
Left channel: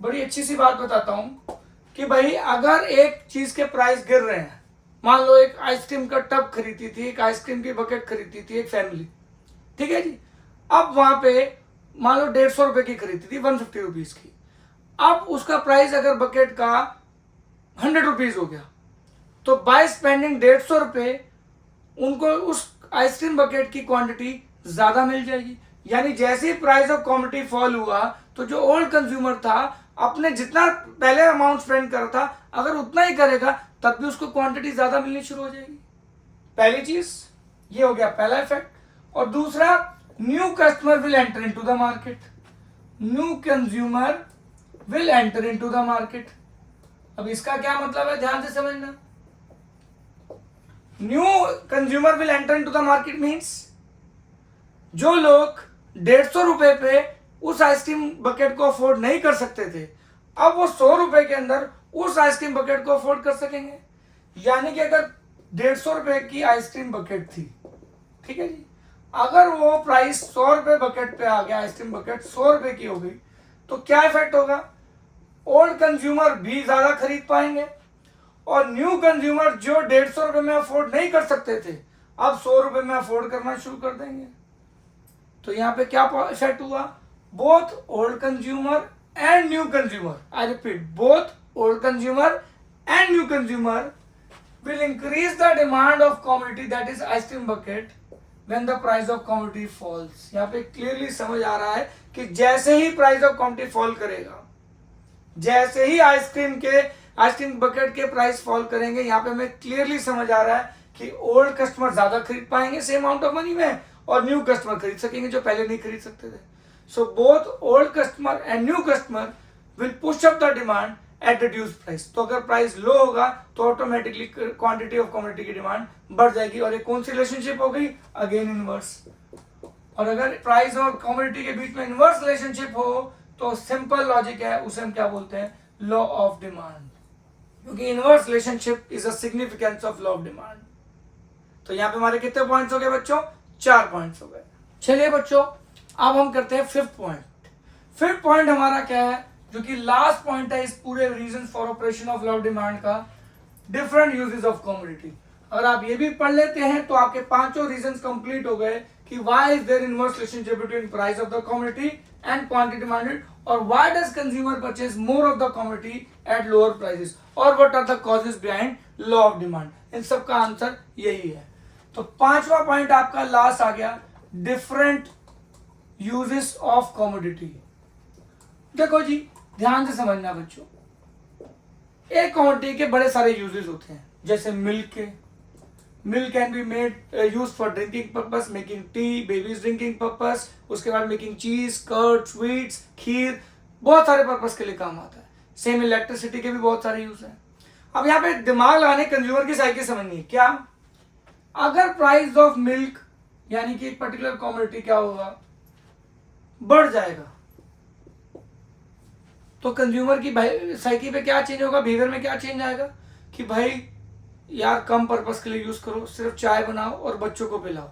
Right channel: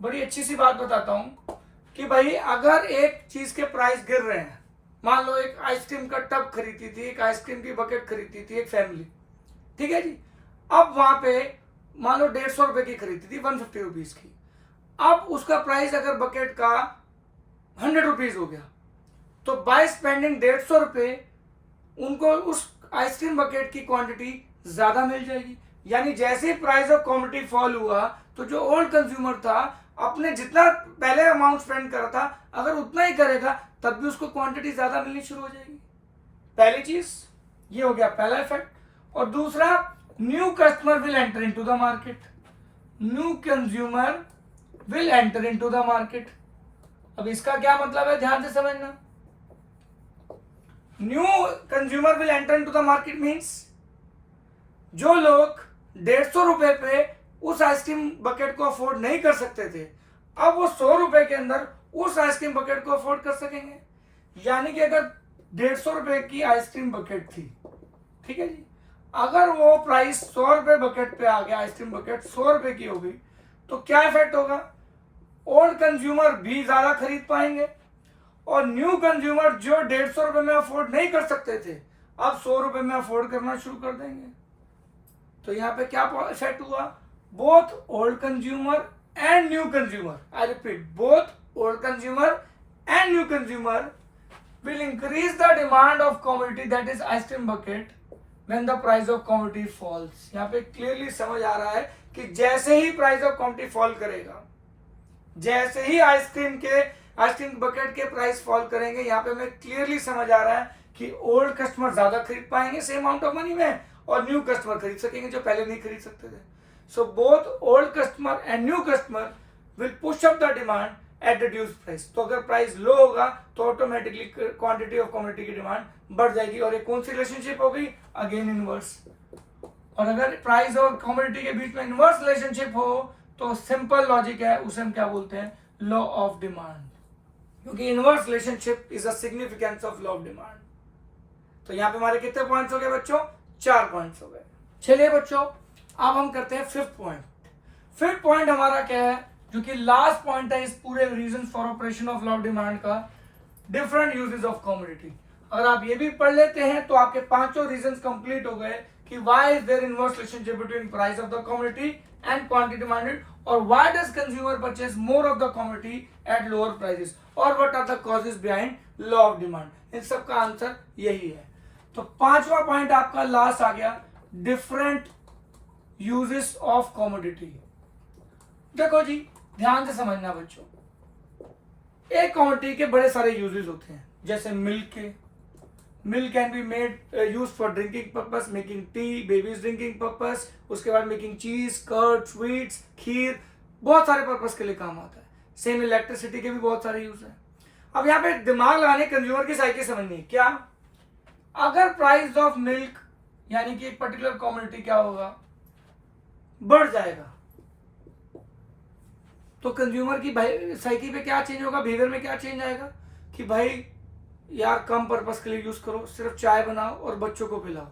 बड़ी अच्छी सी बात बताता हूं कि भाई अगर एक चीज के प्राइस गिर रहे हैं, मान लो एक आइसक्रीम का टब खरीदी थी, एक आइसक्रीम की बकेट खरीदी थी एक फैमिली, ठीक है जी। अब वहां पे मान लो 150 रुपए की खरीदी थी, 150 रुपीज की। अब उसका प्राइस अगर बकेट का 100 रुपीज हो गया, तो बाय स्पेंडिंग 150 रुपए उनको उस आइसक्रीम बकेट की क्वांटिटी ज्यादा मिल जाएगी। यानी जैसे ही प्राइस ऑफ कमोडिटी फॉल हुआ तो जो ओल्ड कंज्यूमर था अपने जितना पहले अमाउंट स्पेंड करा था अगर उतना ही करेगा तब भी उसको क्वांटिटी ज्यादा मिलनी शुरू हो जाएगी। पहली चीज ये हो गया, पहला इफेक्ट। और दूसरा, new customer will enter into the market. New consumer will enter into the market. अब इसका क्या मतलब है, ध्यान से समझना। New consumer will enter into the market means जो लोग 150 रुपए पे उस आइसक्रीम बकेट को अफोर्ड नहीं कर सकते थे, अब वो 100 रुपए के अंदर उस आइसक्रीम बकेट को अफोर्ड कर सकेंगे। यानी कि अगर 150 रुपए की आइसक्रीम बकेट थी, ठीक है जी, अगर वो प्राइस 100 रुपए बकेट पे आ गया, आइसक्रीम बकेट 100 रुपए की हो गई, तो क्या इफेक्ट होगा, ओल्ड कंज्यूमर भी ज्यादा खरीद पाएंगे और न्यू कंज्यूमर जो 150 रुपए में अफोर्ड नहीं कर सकते थे अब 100 रुपए में अफोर्ड करना शुरू कर देंगे। तो यहाँ पे क्या इफेक्ट हुआ, both old consumer and new consumer, I repeat, both old consumer and new consumer will increase the demand of commodity that is ice cream bucket when the price of commodity falls। यहाँ पे clearly समझ आ रहा है कि जैसे ही price of commodity fall करेगा, जैसे ही ice cream bucket के प्राइस फॉल करेंगे, यहाँ पे हमें क्लियरली समझ आ रहा है कि ओल्ड कस्टमर ज्यादा खरीद पाएंगे सेम अमाउंट ऑफ मनी में और न्यू कस्टमर खरीद सकेंगे जो पहले नहीं खरीद सकते थे। So both old customer and new customer will push up the demand eight reduce price. तो अगर प्राइस लो होगा तो ऑटोमेटिकली क्वांटिटी ऑफ कमोडिटी की डिमांड बढ़ जाएगी। और ये कौन सी रिलेशनशिप हो गई, अगेन इनवर्स। और अगर प्राइस और कमोडिटी के बीच में इनवर्स रिलेशनशिप हो तो सिंपल लॉजिक है, उसे हम क्या बोलते हैं, लॉ ऑफ डिमांड, क्योंकि inverse relationship is a significance of law of demand. तो यहाँ पे हमारे कितने पॉइंट्स हो गए बच्चों, 4 पॉइंट्स हो गए। चलिए बच्चों, अब हम करते हैं 5th पॉइंट। 5th पॉइंट हमारा क्या है, जो कि लास्ट पॉइंट है इस पूरे reason for operation of law of demand का, डिफरेंट यूजेस ऑफ कमोडिटी। अगर आप ये भी पढ़ लेते हैं तो आपके 5 रीजंस कंप्लीट हो गए कि why is there inverse relationship between price of the commodity and quantity demanded, और why does consumer purchase more of the commodity at lower prices, और what are the causes behind law of demand. इन सब का answer यही है। तो 5वां point आपका लास्ट आ गया, डिफरेंट यूजेस ऑफ कमोडिटी। देखो जी, ध्यान से समझना बच्चों, एक कमोडिटी के बड़े सारे यूजेस होते हैं, जैसे मिल्क के, milk can be made use for drinking purpose, making tea, babies drinking purpose, उसके बाद मेकिंग चीज, कर्ड, स्वीट्स, खीर, बहुत सारे पर्पस के लिए काम आता है। सेम इलेक्ट्रिसिटी के भी बहुत सारे यूज हैं। अब यहाँ पे दिमाग लगाने कंज्यूमर की साइकिल समझनी है। क्या, अगर प्राइस ऑफ मिल्क यानी कि एक पर्टिकुलर कमोडिटी क्या होगा, बढ़ जाएगा, तो कंज्यूमर की साइकिल पे क्या चेंज होगा, बिहेवियर में क्या चेंज आएगा कि भाई यार कम पर्पस के लिए यूज करो, सिर्फ चाय बनाओ और बच्चों को पिलाओ।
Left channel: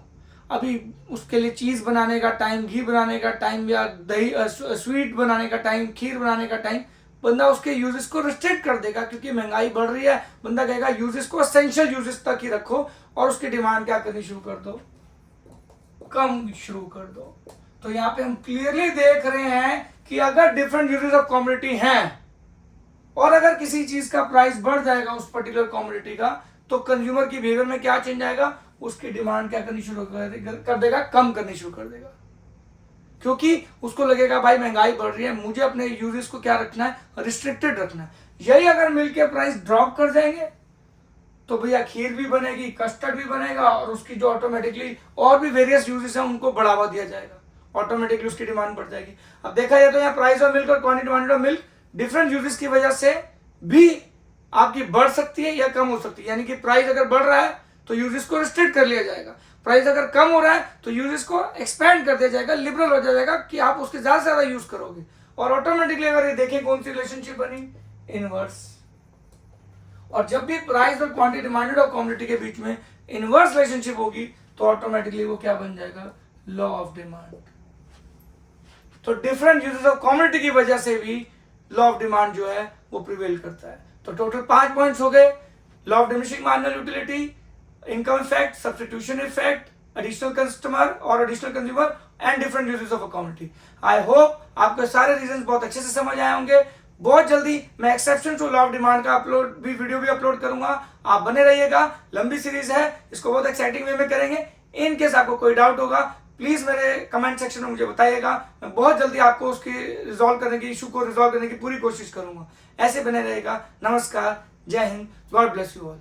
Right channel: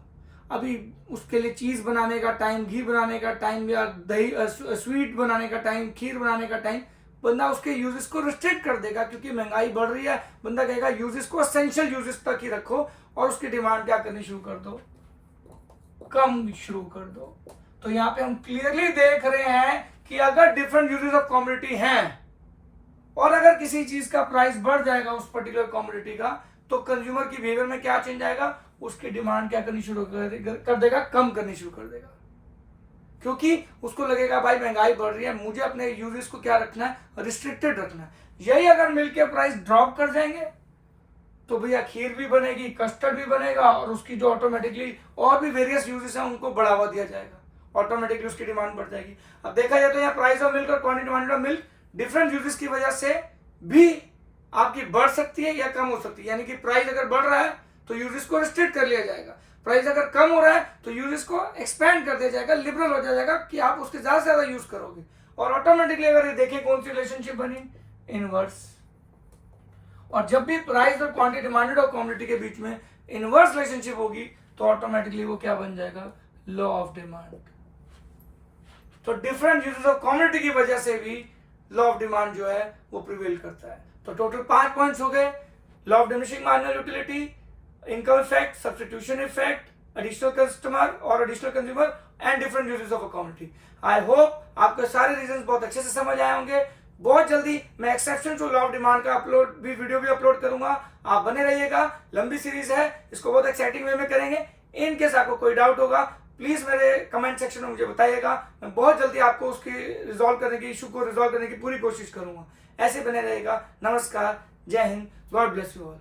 अभी उसके लिए चीज बनाने का टाइम, घी बनाने का टाइम, या दही स्वीट बनाने का टाइम, खीर बनाने का टाइम, बंदा उसके यूजेस को रिस्ट्रिक्ट कर देगा, क्योंकि महंगाई बढ़ रही है। बंदा कहेगा यूजेस को एसेंशियल यूजेस तक ही रखो और उसकी डिमांड क्या करनी शुरू कर दो, कम शुरू कर दो। तो यहाँ पे हम क्लियरली देख रहे हैं कि अगर डिफरेंट यूजेस ऑफ कमोडिटी हैं और अगर किसी चीज का प्राइस बढ़ जाएगा उस पर्टिकुलर कमोडिटी का, तो कंज्यूमर की बिहेवियर में क्या चेंज आएगा, उसकी डिमांड क्या करनी शुरू कर देगा, कम करनी शुरू कर देगा, क्योंकि उसको लगेगा भाई महंगाई बढ़ रही है, मुझे अपने यूजेस को क्या रखना है, रिस्ट्रिक्टेड रखना है। यही अगर मिल्क के प्राइस ड्रॉप कर जाएंगे तो भैया खीर भी बनेगी, कस्टर्ड भी बनेगा, और उसकी जो ऑटोमेटिकली और भी वेरियस यूजेस हैं उनको बढ़ावा दिया जाएगा, ऑटोमेटिकली उसकी डिमांड बढ़ जाएगी। अब देखा जाए तो यहाँ प्राइस ऑफ मिल्क और quantity of milk different uses की वजह से भी आपकी बढ़ सकती है या कम हो सकती है। यानी कि प्राइस अगर बढ़ रहा है तो यूजेस को रिस्ट्रिक्ट कर लिया जाएगा, प्राइस अगर कम हो रहा है तो यूजेस को एक्सपेंड कर दिया जाएगा, लिबरल हो जाएगा कि आप उसके ज्यादा से ज्यादा यूज करोगे। और ऑटोमेटिकली अगर ये देखें कौन सी रिलेशनशिप बनी, इनवर्स। और जब भी प्राइस और क्वांटिटी डिमांडेड और कमोडिटी के बीच में इनवर्स रिलेशनशिप होगी तो ऑटोमेटिकली वो क्या बन जाएगा, लॉ ऑफ डिमांड। तो डिफरेंट यूजेस ऑफ कमोडिटी की वजह से भी लॉ ऑफ डिमांड जो है वो प्रिवेल करता है। तो टोटल 5 पॉइंट्स हो गए, law of diminishing marginal utility, income effect, substitution effect, additional customer और additional consumer and different uses of a commodity. I hope आपको सारे रीजंस बहुत अच्छे से समझ आए होंगे। बहुत जल्दी मैं exception to law of demand का वीडियो भी अपलोड करूंगा, आप बने रहिएगा। लंबी सीरीज है, इसको बहुत एक्साइटिंग वे में करेंगे। इन केस आपको कोई डाउट होगा प्लीज मेरे कमेंट सेक्शन में मुझे बताइएगा, मैं बहुत जल्दी आपको उसकी रिजॉल्व करने की, इशू को रिजॉल्व करने की पूरी कोशिश करूंगा। ऐसे बने रहेगा। नमस्कार, जय Hind, God bless you all.